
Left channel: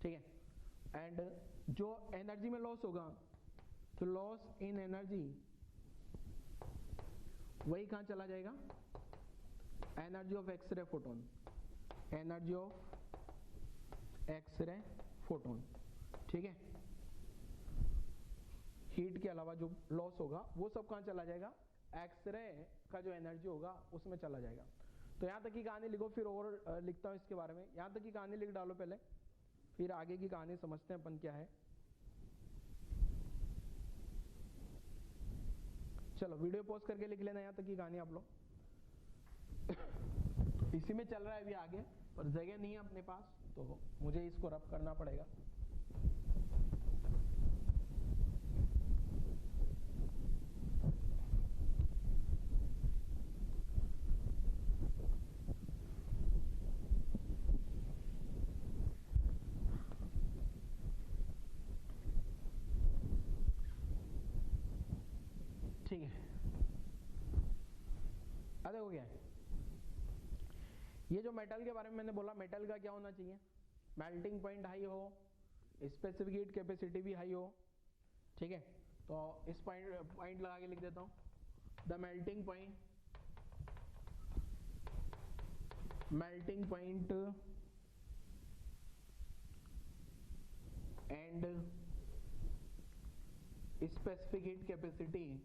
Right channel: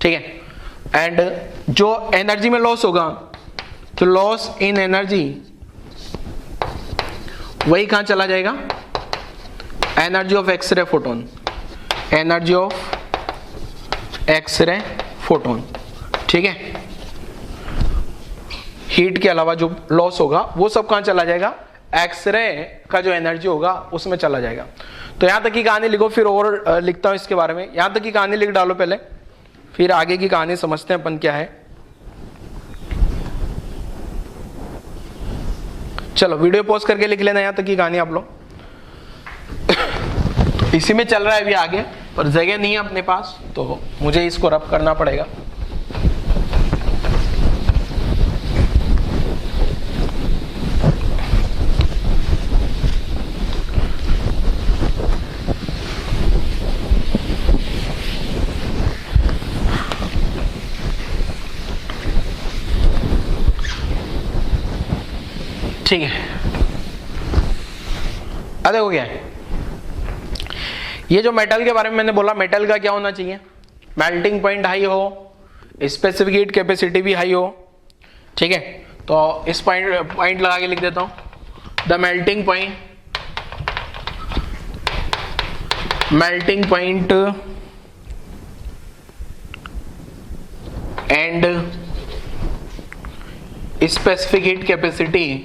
ठीक है, एंड जो एनर्जी में लॉस होगा, तो लॉस इन एनर्जी वही कहां चला जाएगा? Energy of X-ray photon, energy of X-ray photon. ठीक है, हीट के अलावा जो लॉस होगा वो सब कहां चला जाएगा? एक्सरे का जो एनर्जी होगा उसमें चला जाएगा। तो यहां तक की कहानी लिखो, फिर और लिखता हूं इसके बारे में। यहां तक की कहानी लिख डालो पहले, फिर आगे की कहानी समझते हैं अपन क्या है। चलो वीडियो पॉज करके लिख लेना यहां तक की कहानी आप लोग। इसी में चल रहा है अभी आगे, पर जगह नहीं है अपने पास, तो मुझे इसको रब करना पड़ेगा। ठीक है, अब देखो क्या है। ये जो मेटल के बारे में मैंने बोला, मेटल का क्या होना चाहिए? मेल्टिंग पॉइंट हाई हो, स्पेसिफिक हीट कैपेसिटी भी हाई हो। ठीक है, तो इस पॉइंट लगा के लिख देता हूं, the melting point and specific heat capacity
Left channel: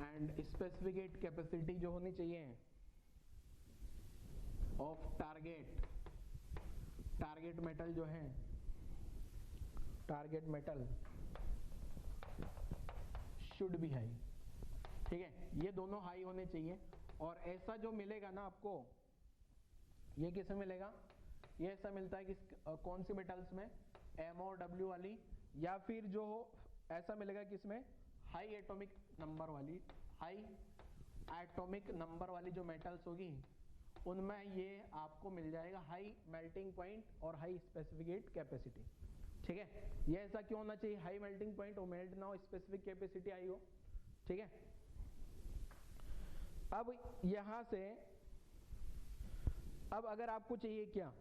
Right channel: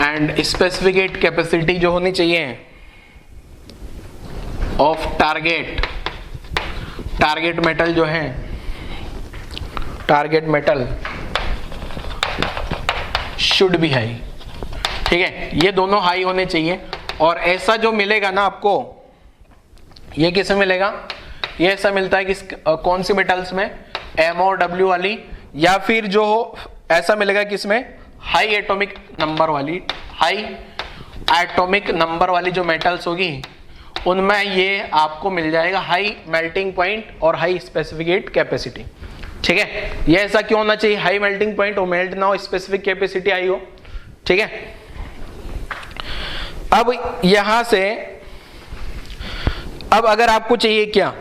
and specific heat capacity जो होनी चाहिए ऑफ टारगेट मेटल जो है, target metal should be high. ठीक है, ये दोनों हाई होने चाहिए। और ऐसा जो मिलेगा ना आपको, ये किसे मिलेगा? ये ऐसा मिलता है कि कौन सी मेटल्स में? MO W वाली, या फिर जो ऐसा मिलेगा किसमें, हाई एटॉमिक नंबर वाली जो मेटल्स होगी उनमें ये आपको मिल जाएगा हाई मेल्टिंग पॉइंट और हाई स्पेसिफिक कैपेसिटी। ठीक है, ये ऐसा क्यों होना चाहिए, हाई मेल्टिंग पॉइंट हो, मेल्ट ना हो, स्पेसिफिक कैपेसिटी आई हो। ठीक है, अब यहां से अब अगर आपको चाहिए क्या,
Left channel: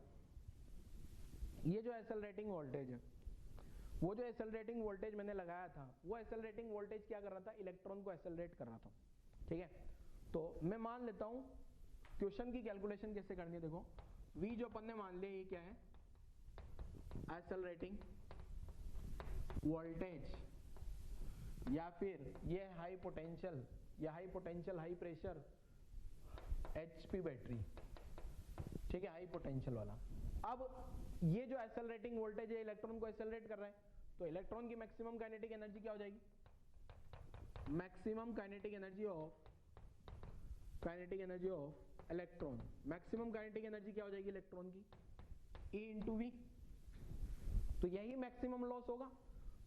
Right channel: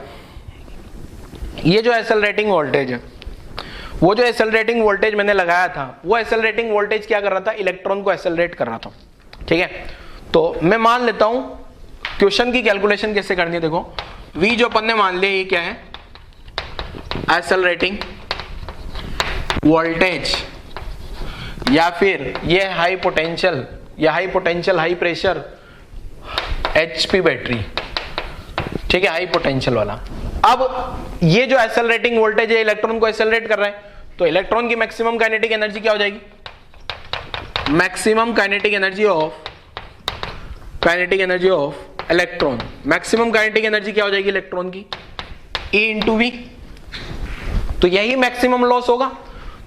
ये जो एक्सेलरेटिंग वोल्टेज है, वो जो एक्सेलरेटिंग वोल्टेज मैंने लगाया था, वो एक्सेलरेटिंग वोल्टेज क्या कर रहा था, इलेक्ट्रॉन को एक्सेलरेट कर रहा था। ठीक है, तो मैं मान लेता हूं, क्वेश्चन की कैलकुलेशन कैसे करनी है देखो, V जो अपन ने मान लिया ये क्या है, एक्सेलरेटिंग वोल्टेज, या फिर ये high potential high pressure HP battery. ठीक है, हाई पोटेंशियल वाला। अब ये जो एक्सेलरेटिंग वोल्टेज है इलेक्ट्रॉन को एक्सेलरेट कर रहा है, तो इलेक्ट्रॉन की मैक्सिमम काइनेटिक एनर्जी क्या हो जाएगी, maximum kinetic energy of electron, maximum kinetic energy क्या हो जाएगी इलेक्ट्रॉन की, E इंटू वी। तो यही मैक्सिमम लॉस होगा।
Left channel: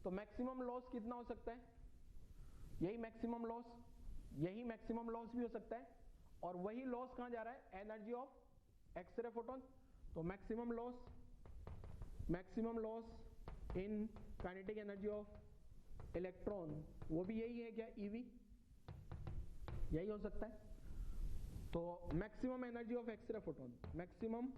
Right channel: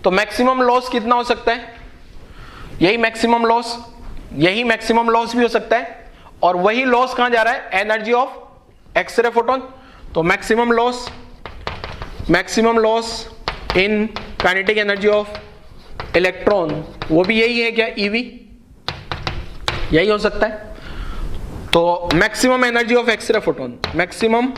तो मैक्सिमम लॉस कितना हो सकता है, यही मैक्सिमम लॉस भी हो सकता है। और वही लॉस कहां जा रहा है, एनर्जी ऑफ एक्सरे फोटोन। तो maximum loss in kinetic energy of electron, वो भी यही है क्या, ईवी, यही हो सकता है। तो maximum energy of X-ray photon, maximum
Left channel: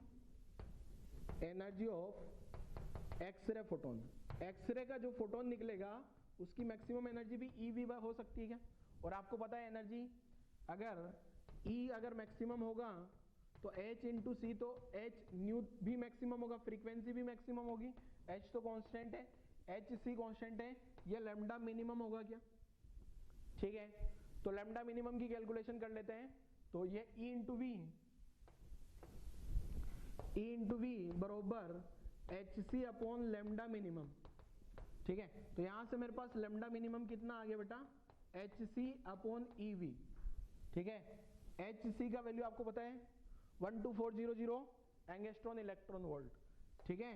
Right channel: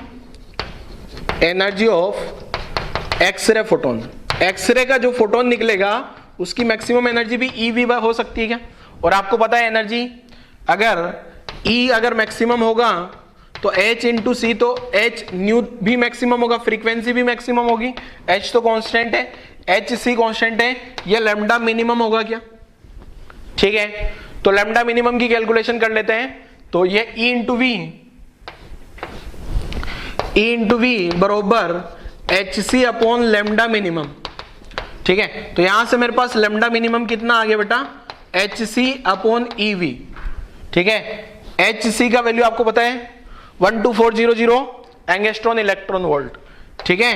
energy of X-ray photon, X-ray का जो फोटोन निकलेगा उसकी मैक्सिमम एनर्जी भी ईवी हो सकती है क्या। और आपको पता है एनर्जी अगर E अगर मैक्सिमम होगा तो H इंटू सी, तो H न्यू भी मैक्सिमम होगा, फ्रीक्वेंसी भी मैक्सिमम होगी, H तो कांस्टेंट है, H C कांस्टेंट है, ये लैम्डा मिनिमम होगा क्या। ठीक है, तो लैम्डा मिनिमम की कैलकुलेशन कर लेते हैं। तो ये E इंटू वी बरोबर HC अपॉन लैम्डा मिनिमम। ठीक है, तो यहां से मेरे पास लैम्डा मिनिमम कितना आ गया बेटा, HC अपॉन EV। ठीक है, HC का वैल्यू आपको पता है 12400 एंगस्ट्रॉन इलेक्ट्रॉन वोल्ट। ठीक है,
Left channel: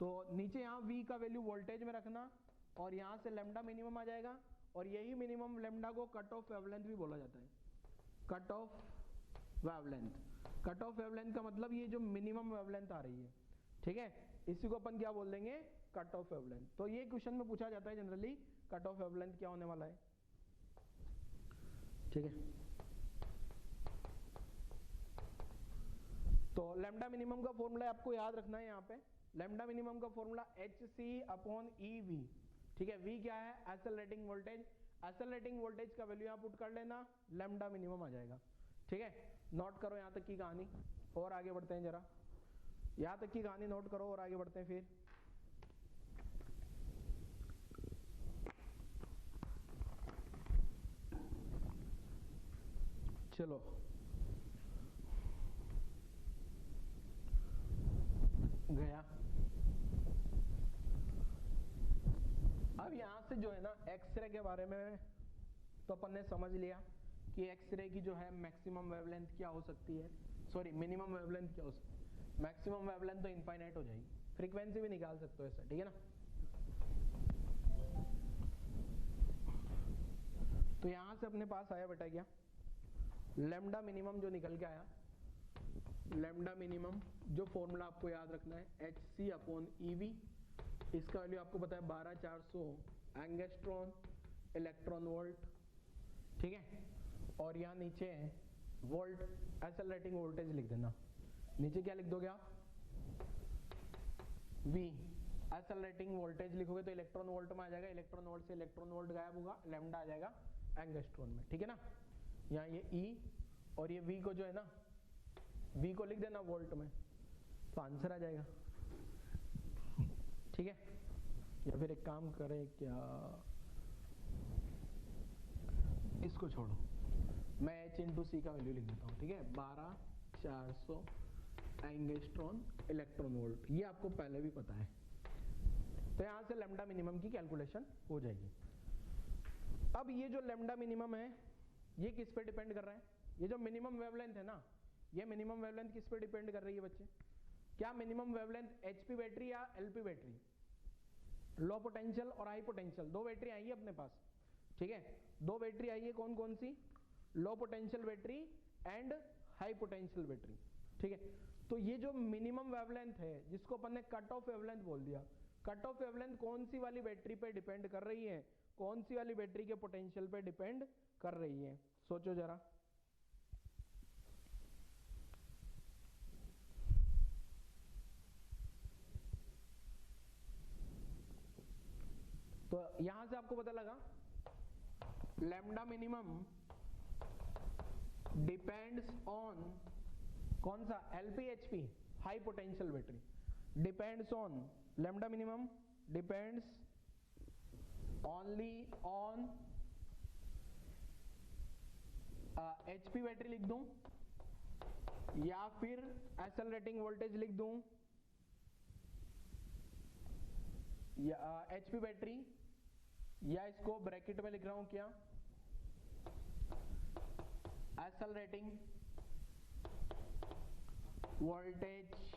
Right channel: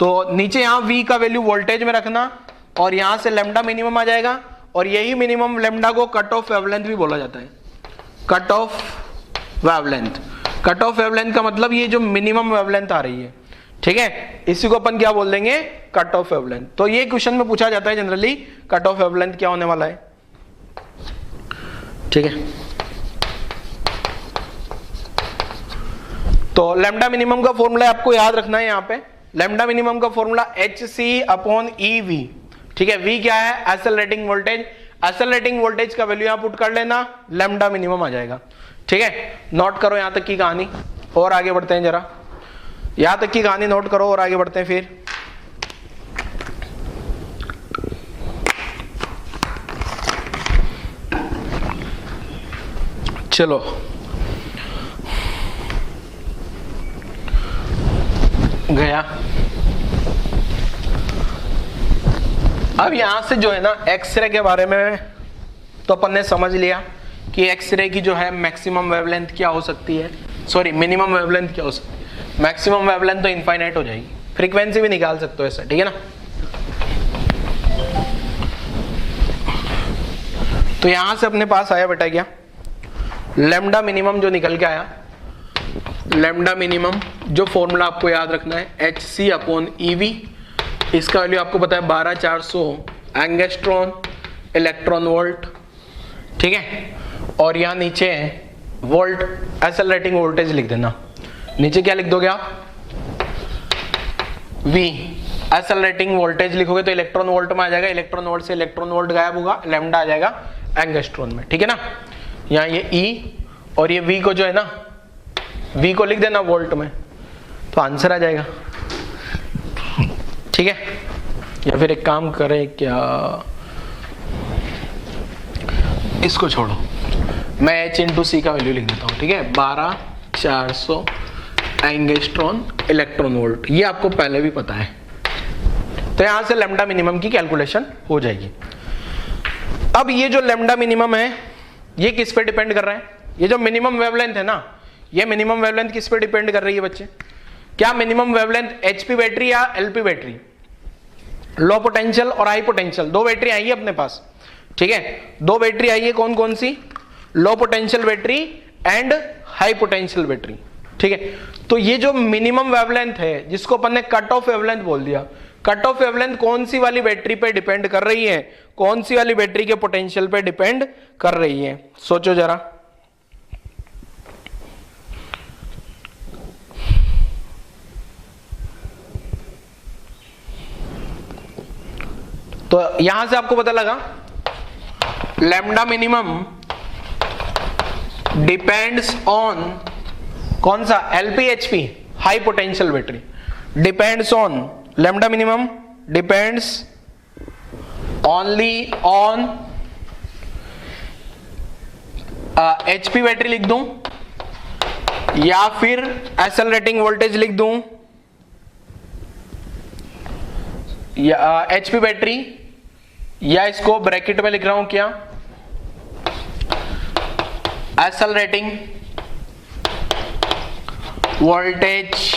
तो नीचे यहां V का वैल्यू वोल्टेज में रखना और यहां से लैम्डा मिनिमम आ जाएगा। और यही मिनिमम लैम्डा को कट ऑफ वेवलेंथ भी बोला जाता है, कट ऑफ वेवलेंथ का मतलब ये जो मिनिमम वेवलेंथ आ रही है। ठीक है, इसी को अपन क्या बोल देंगे, कट ऑफ वेवलेंथ। तो ये क्वेश्चन में पूछा जाता है जनरली, कट ऑफ वेवलेंथ क्या होने वाला है। ठीक है, तो लैम्डा मिनिमम का फॉर्मूला आपको याद रखना है। यहाँ पे लैम्डा मिनिमम का फॉर्मूला HC अपॉन EV। ठीक है, V क्या है, एक्सेलरेटिंग वोल्टेज, एक्सेलरेटिंग वोल्टेज का वैल्यू यहाँ पुट कर लेना, लैम्डा मिनिमम आ जाएगा। ठीक है, नोट करो यहाँ तक की कहानी और आगे बढ़ते हैं, जरा यहाँ तक की कहानी नोट करो और आगे बढ़ते हैं फिर। चलो गया। अब यहां से जो है ना एक्सरे के बारे में तो अपन ने समझ लिया कि एक्सरे की जो है मैक्सिमम वेवलेंथ क्या हो सकती है, सॉरी मिनिमम वेवलेंथ क्या हो सकती है। मैक्सिमम वेवलेंथ तो इनफाइनाइट हो जाएगी, फ्रीक्वेंसी भी निकाल सकते हो ऐसा। ठीक है ना, तो यहां से अपने पास आया बेटा क्या, लैम्डा मिनिमम जो निकल के आया, लैम्डा मिनिमम जो फॉर्मूला आपको याद रखना है HC अपॉन EV। इसका वैल्यू आपको पता है 12400 एंगस्ट्रॉन इलेक्ट्रॉन वोल्ट। ठीक है, और यहाँ नीचे वोल्ट एक्सेलरेटिंग वोल्टेज लिख देना। नीचे क्या लिख दोगे आप, V एक्सेलरेटिंग वोल्टेज लिखोगे तो इलेक्ट्रॉन वोल्ट में आ जाएगा, इलेक्ट्रॉन वोल्ट से इलेक्ट्रॉन वोल्ट गायब होगा, लैम्डा आ जाएगा एंगस्ट्रॉन में। ठीक है ना, यहाँ ये E और ये V को जो है ना, V को लिख देना वोल्ट में, तो आंसर आ जाएगा। ठीक है, या फिर एक काम करें क्या, इसको छोड़ो, मैं H इंटू सी का वैल्यू लिख देता हूँ। ठीक है, 12400 एंगस्ट्रॉन इलेक्ट्रॉन वोल्ट, ये आपको पहले भी पता है। तो यहां से लैम्डा मिनिमम की कैलकुलेशन हो जाएगी। अब ये जो लैम्डा मिनिमम है ये किस पे डिपेंड कर रहा है, ये जो मिनिमम वेवलेंथ है ना, ये मिनिमम वेवलेंथ किस पे डिपेंड कर रही है बच्चे, क्या मिनिमम वेवलेंथ HP बैटरी या LP बैटरी, लो पोटेंशियल और हाई पोटेंशियल, दो बैटरी आई है अपने पास, ठीक है, दो बैटरी आई है, कौन कौन सी, low potential battery and high potential battery, ठीक है। तो ये जो मिनिमम वेवलेंथ है जिसको अपन ने कट ऑफ वेवलेंथ बोल दिया, कट ऑफ वेवलेंथ कौन सी वाली बैटरी पे डिपेंड कर रही है, कौन सी वाली बैटरी के पोटेंशियल पे डिपेंड कर रही है, सोचो जरा। तो यहां से आपको पता लगा लैम्डा मिनिमम डिपेंड्स ऑन कौन सा, LPHP, high potential battery, depends on, lambda minimum depends only on HP battery लिख दूं या फिर एक्सेलरेटिंग वोल्टेज लिख दूं, या एचपी बैटरी, या इसको ब्रैकेट में लिख रहा हूं क्या, accelerating voltage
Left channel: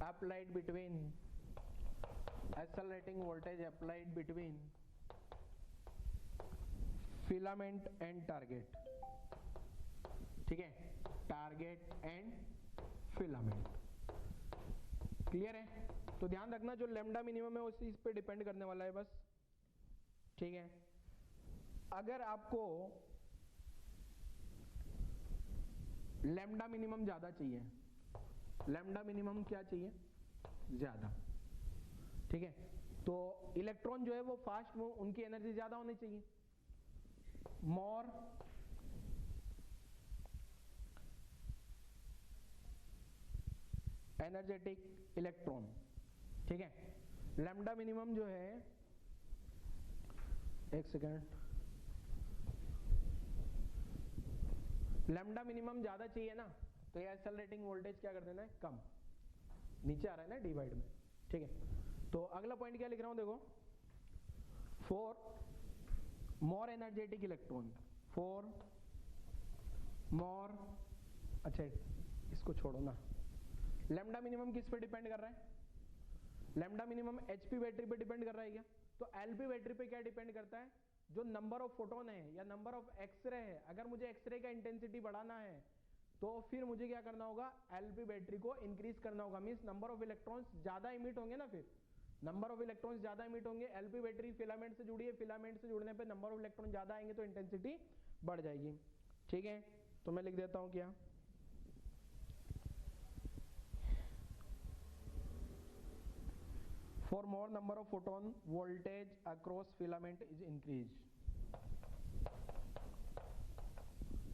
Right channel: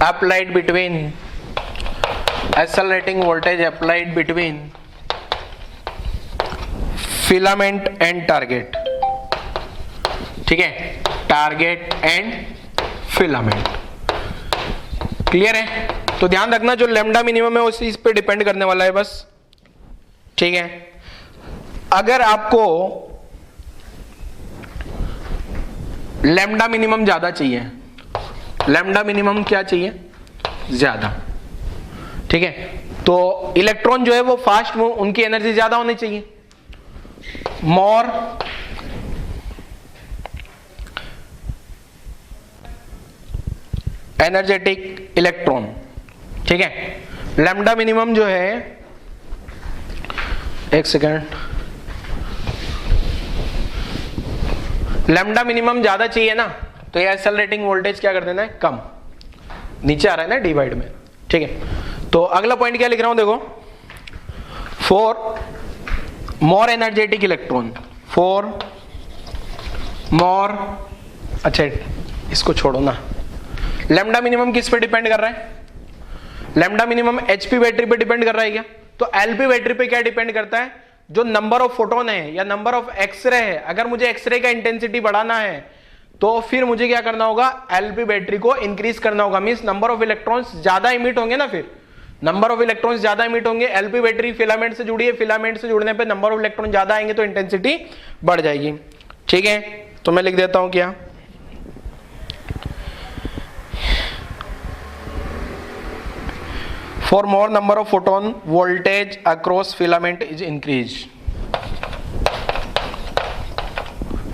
applied between, accelerating voltage applied between filament and target, ठीक है, टारगेट एंड फिलामेंट, क्लियर है। तो ध्यान रखना जो लैम्डा मिनिमम है उसी इस पे डिपेंड करने वाला है बस, ठीक है। अगर आपको लैम्डा मिनिमम ज्यादा चाहिए, लैम्डा मिनिमम क्या चाहिए, ज्यादा, ठीक है, तो इलेक्ट्रॉन जो है वो फास्ट मूव, उनकी एनर्जी ज्यादा होनी चाहिए, मोर एनर्जेटिक इलेक्ट्रॉन, ठीक है। लैम्डा मिनिमम जो है, एक सेकेंड, लैम्डा मिनिमम ज्यादा चाहिए ना, तो ये एक्सेलरेटिंग वोल्टेज क्या कर देना है, कम, नीचे आ रहा है ना डिवाइड में, ठीक है। तो अगला पॉइंट क्या लिख रहा हूं देखो, for more energetic electron, for more, अच्छा इसको छोड़ो ना, लैम्डा मिनिमम किस पे डिपेंड कर रहा है, लैम्डा मिनिमम एचपी बैटरी पे डिपेंड कर रहा है क्या, तो एलपी बैटरी पे क्या डिपेंड करता है, जो नंबर ऑफ फोटोन है या नंबर ऑफ एक्सरे है, अगर मुझे एक्सरे का इंटेंसिटी बढ़ाना है तो फिर मुझे क्या करना होगा, एलपी बैटरी को इंक्रीज करना होगा, मींस नंबर ऑफ इलेक्ट्रॉन्स ज्यादा इमिट होंगे ना, फिर नंबर ऑफ इलेक्ट्रॉन्स ज्यादा इमिट होंगे, एलपी बैटरी फिलामेंट से जुड़ी है, फिलामेंट से जुड़ने पे नंबर ऑफ इलेक्ट्रॉन ज्यादा आएंगे तो इंटेंसिटी बढ़ जाएगी, ठीक है। तो मैं लिख देता हूं क्या, for more number of photon voltage across filament is increased,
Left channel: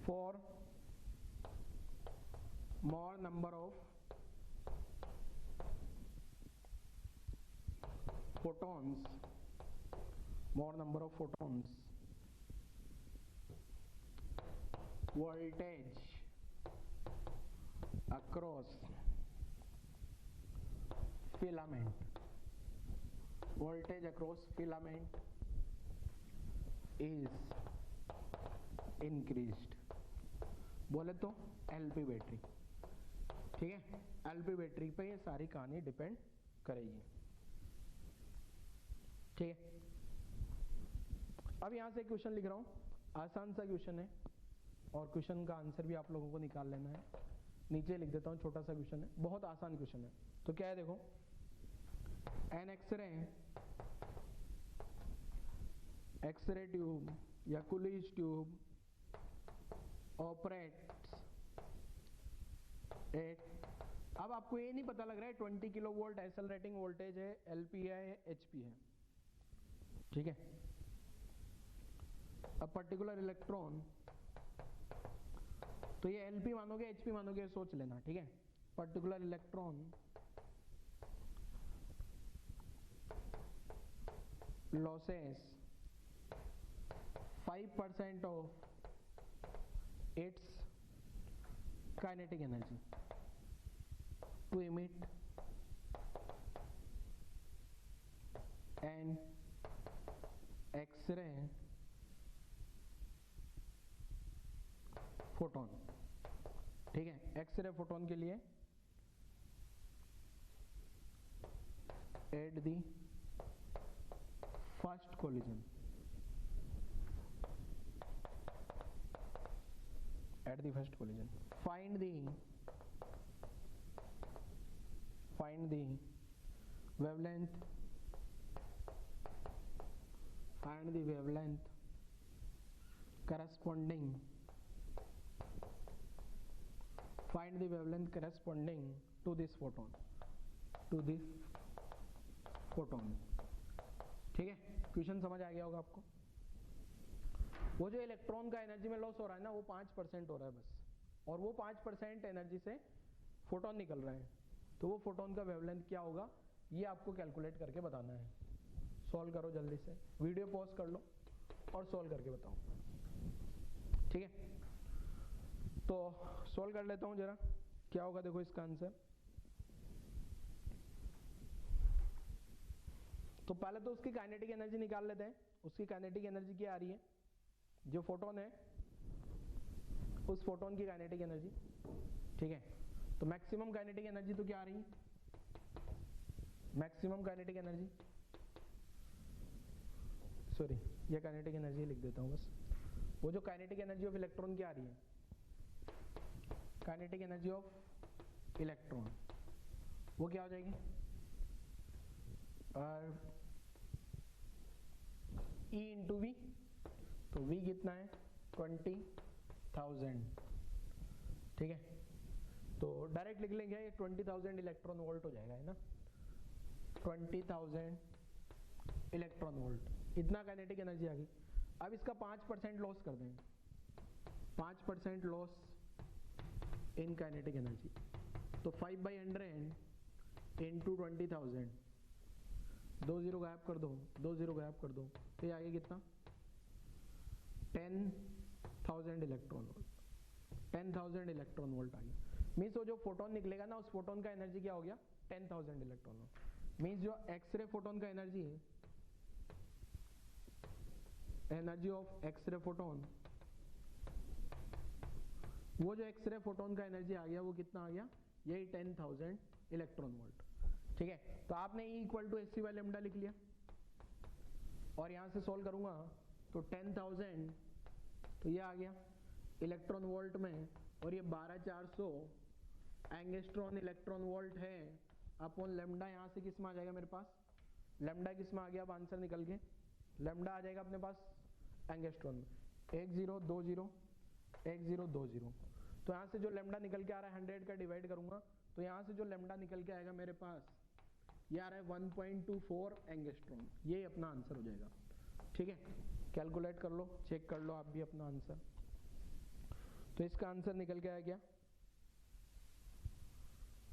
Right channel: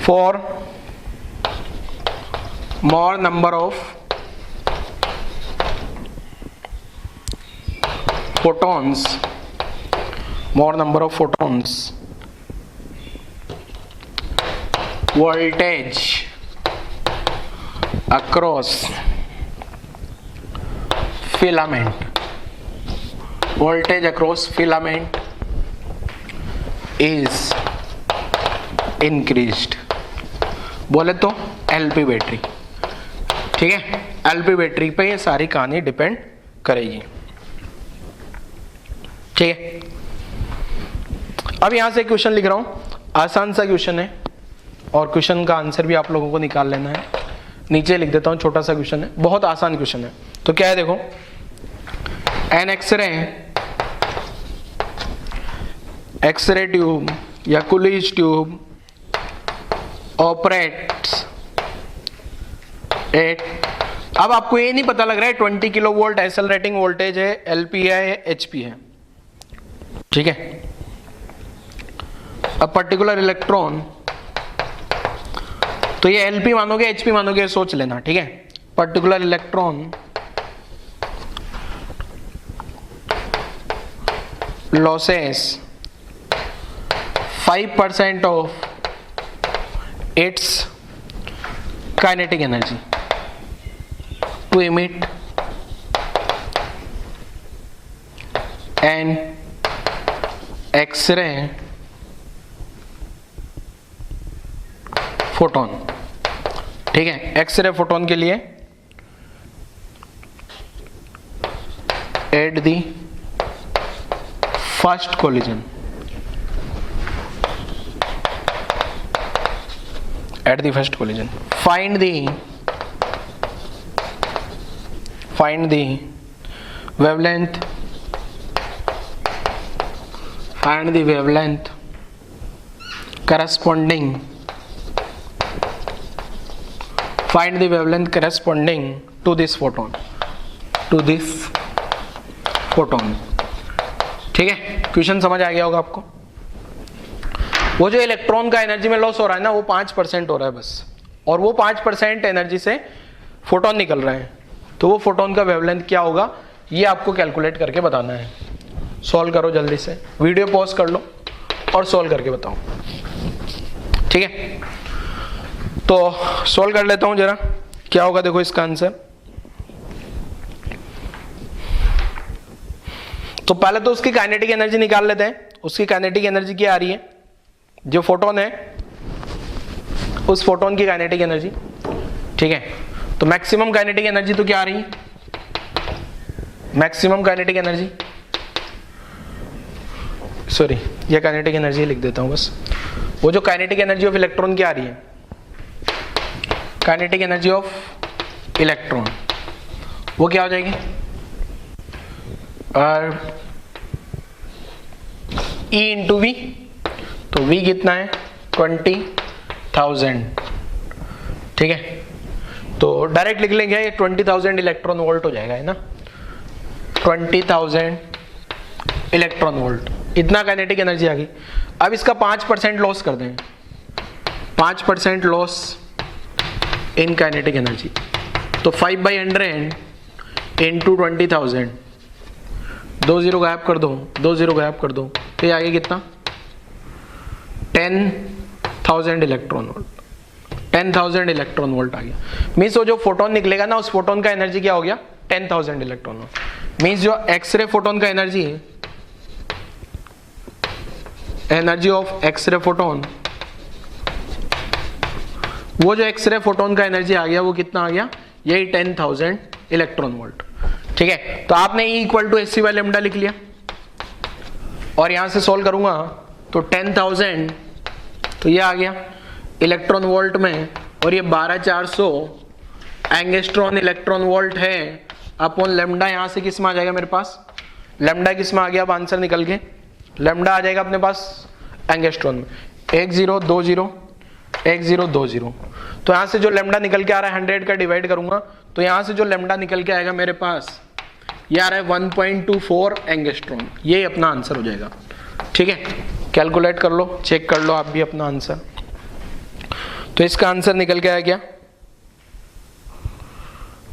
for more number of photons, more number of photons voltage across filament, voltage across filament is increased, बोले तो एलपी बैटरी, ठीक है, एलपी बैटरी पे ये सारी कहानी depend करेगी, ठीक है। अब यहां से क्वेश्चन लिख रहा हूं, आसान सा क्वेश्चन है और क्वेश्चन का आंसर भी आप लोगों को निकाल लेना है, नीचे लिख देता हूं, छोटा सा क्वेश्चन है, बहुत आसान क्वेश्चन है। तो क्या है देखो, एन एक्सरे ट्यूब या कुलिज ट्यूब ऑपरेट्स एट, अब आपको ये नहीं पता लग रहा है 20 किलो वोल्ट एक्सेलरेटिंग वोल्टेज है, एलपी है, एचपी है, ठीक है। अब पर्टिकुलर इलेक्ट्रॉन, तो ये एलपी मानोगे एचपी मानोगे सोच लेना, ठीक है। Particular electron losses 5% of its kinetic energy to emit an X-ray photon, ठीक है। एक्सरे फोटोन के लिए at the first collision at the first collision. Find the wavelength. Find the wavelength corresponding. Find the wavelength corresponding to this photon. To this photon. ठीक है, question समझ आ गया होगा आपको। वो जो इलेक्ट्रॉन का एनर्जी में लॉस हो रहा है ना, वो 5% हो रहा है बस, और वो 5% एनर्जी से फोटोन निकल रहे हैं, तो वो फोटोन का वेवलेंथ क्या होगा ये आपको कैलकुलेट करके बताना है। सॉल्व करो जल्दी से, वीडियो पॉज कर लो और सॉल्व करके बताओ, ठीक है। तो सॉल्व कर लेता हूं जरा, क्या होगा देखो इसका आंसर। तो पहले तो उसकी काइनेटिक एनर्जी निकाल लेते हैं। उसकी काइनेटिक एनर्जी क्या आ रही है, जो फोटोन है उस फोटोन की काइनेटिक एनर्जी, ठीक है। तो मैक्सिमम काइनेटिक एनर्जी तो क्या आ रही है, मैक्सिमम काइनेटिक एनर्जी, सॉरी ये काइनेटिक एनर्जी लिख देता हूं बस। वो जो काइनेटिक एनर्जी ऑफ इलेक्ट्रॉन क्या आ रही है, काइनेटिक एनर्जी ऑफ इलेक्ट्रॉन, वो क्या हो जाएगी, E इंटू वी। तो V कितना है 20,000, ठीक है। तो डायरेक्ट लिख लेंगे, ये 20,000 इलेक्ट्रॉन वोल्ट हो जाएगा, है ना, 20,000 इलेक्ट्रॉन वोल्ट, इतना काइनेटिक एनर्जी आ गई। अब इसका 5% लॉस कर दें, 5% लॉस इन काइनेटिक एनर्जी, तो 5/100 इंटू 20,000, 2 0 गायब कर दो, 2 0 गायब कर दो, तो ये आगे कितना 10,000 इलेक्ट्रॉन वोल्ट, 10,000 इलेक्ट्रॉन वोल्ट आ गया। मीन्स वो जो फोटोन निकलेगा ना, उस फोटोन का एनर्जी क्या हो गया 10,000 इलेक्ट्रॉन वोल्ट। मीन्स जो एक्सरे फोटोन का एनर्जी है, एनर्जी ऑफ एक्सरे फोटोन, वो जो एक्सरे फोटोन का एनर्जी आ गया वो कितना आ गया, यही 10,000 इलेक्ट्रॉन वोल्ट, ठीक है। तो आपने E equal to h c by lambda लिख लिया, और यहां से सोल्व करूंगा तो 10,000, तो ये आ गया इलेक्ट्रॉन वोल्ट में, और ये 12,400 एंगस्ट्रॉन इलेक्ट्रॉन वोल्ट है अपॉन लेमडा। यहां से किस में आ जाएगा मेरे पास, लेमडा किस में आ गया, अब आंसर निकल के लेमडा आ जाएगा अपने पास एंगस्ट्रॉन में, 1 0 2 0 1 0 2 0। तो यहां से जो लेमडा निकल के आ रहा है 100 का डिवाइड करूंगा, तो यहां से जो लेमडा निकल के आएगा मेरे पास ये आ रहा है 1.24 एंगस्ट्रॉन, ये अपना आंसर हो जाएगा, ठीक है। कैलकुलेट कर लो, चेक कर लो आप भी अपना आंसर। तो इसका आंसर निकल के आया क्या,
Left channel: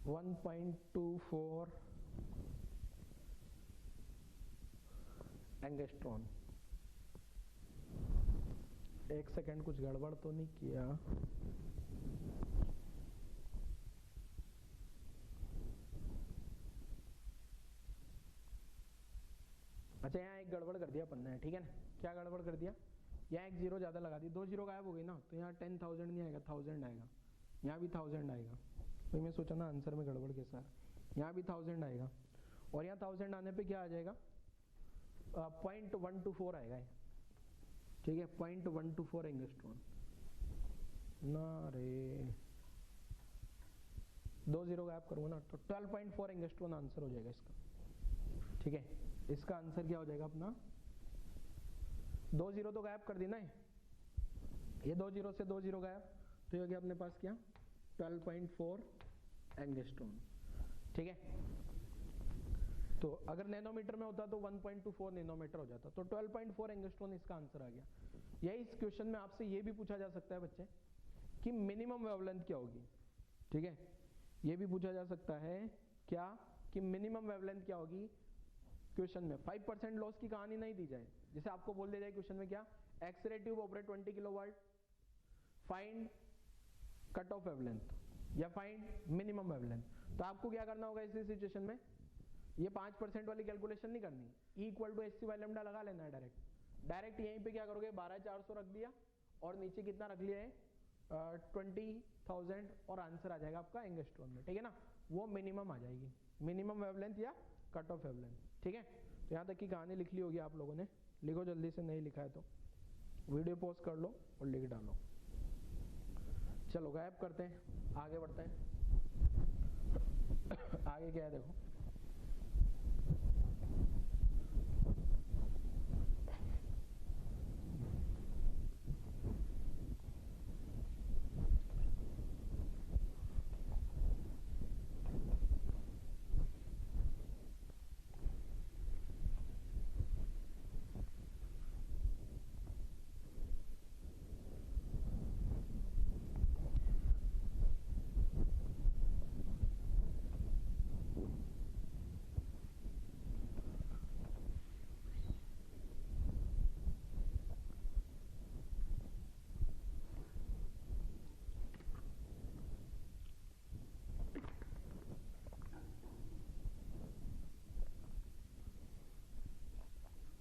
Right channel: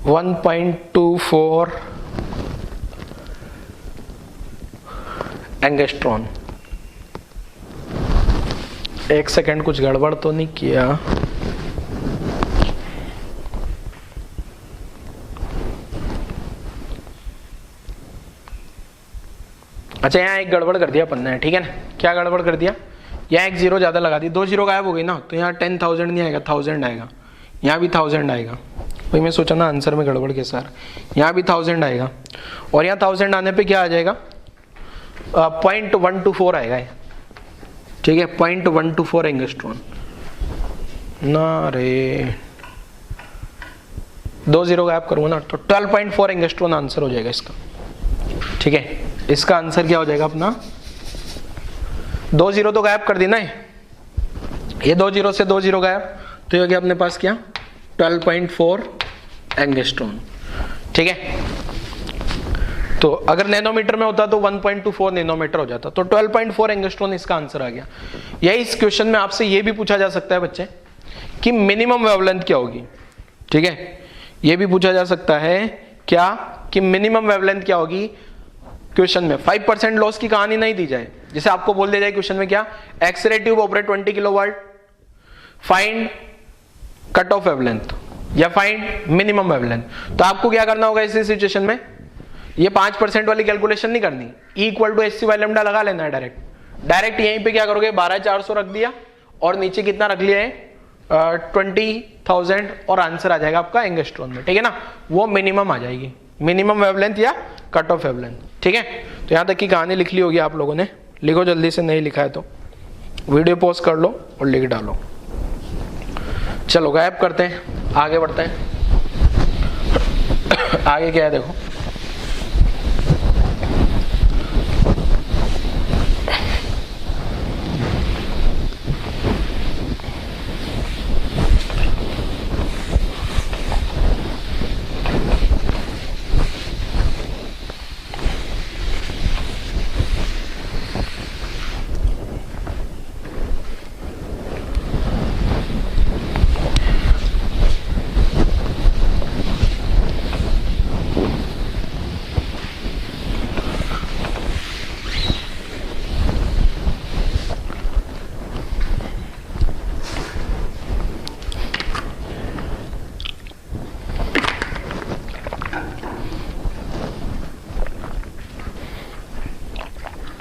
1.24 एंगस्ट्रॉन। एक सेकंड, कुछ गड़बड़ तो नहीं किया, अच्छा यहाँ एक गड़बड़ कर दिया अपन ने, ठीक है ना। क्या गड़बड़ कर दिया, यहाँ एक 0 ज़्यादा लगा दी, 2 0 गायब हो गई ना, तो यहाँ 10,000 नहीं आएगा, 1000 आएगा, यहाँ भी 1000 आएगा। वही मैं सोचा ना आंसर में गड़बड़ के सार, यहाँ भी 1000 आएगा, और यहाँ 1000 आने पे क्या आ जाएगा 0.124 आएगा, ठीक है, 0.124 एंगस्ट्रॉन ना रे, 2 0 गायब करूँगा ना, तो 12.4 एंगस्ट्रॉन आंसर हो जाएगा इसका, ठीक है। इसका आंसर क्या हो जाएगा अपना, 2 0 तो गायब कर देना है, ये 2 0 से 2 0 गायब, तो ये हो गया अपने पास क्या 12.4 एंगस्ट्रॉन, ठीक है। तो अगर नैनोमीटर में होता तो 1.24 नैनोमीटर हो जाता, तो 12.4 एंगस्ट्रॉन इसका आंसर आ गया। यही इस क्वेश्चन में आपसे ये भी पूछा जा सकता है बच्चे कि मिनिमम वेवलेंथ क्या होगी, ठीक है। ये भी पूछा जा सकता है क्या कि मिनिमम वेवलेंथ क्या होगी क्वेश्चन में। 5% लॉस की कहानी नहीं दी जाए, जैसे आपको बोल दिया जाए क्वेश्चन में क्या, X-ray tube operate 20 kilowatt, find cut off wavelength या फाइंड मिनिमम वेवलेंथ। तो आपको क्या करना होगा इस सिचुएशन में, ये 5% वाली कैलकुलेशन नहीं करनी, E equal to h c by lambda लगा लेना है डायरेक्ट यहीं पे क्या करोगे 12,400 रख दिया, और नीचे कितना रख लिया है 20,000, और आंसर आ जाएगा आपका एंगस्ट्रॉन में, ठीक है ना। वो मिनिमम आ जाएगी, मिनिमम वेवलेंथ या कट ऑफ वेवलेंथ। ठीक है, तो यहाँ तक की कहानी लिख ली होगी आप लोगों ने, लिखो जल्दी से, नहीं लिखा है तो वीडियो पॉज कर लो और लिख डालो। चलो गायब करते हैं, आगे बढ़ते हैं। आगे क्या है देखो,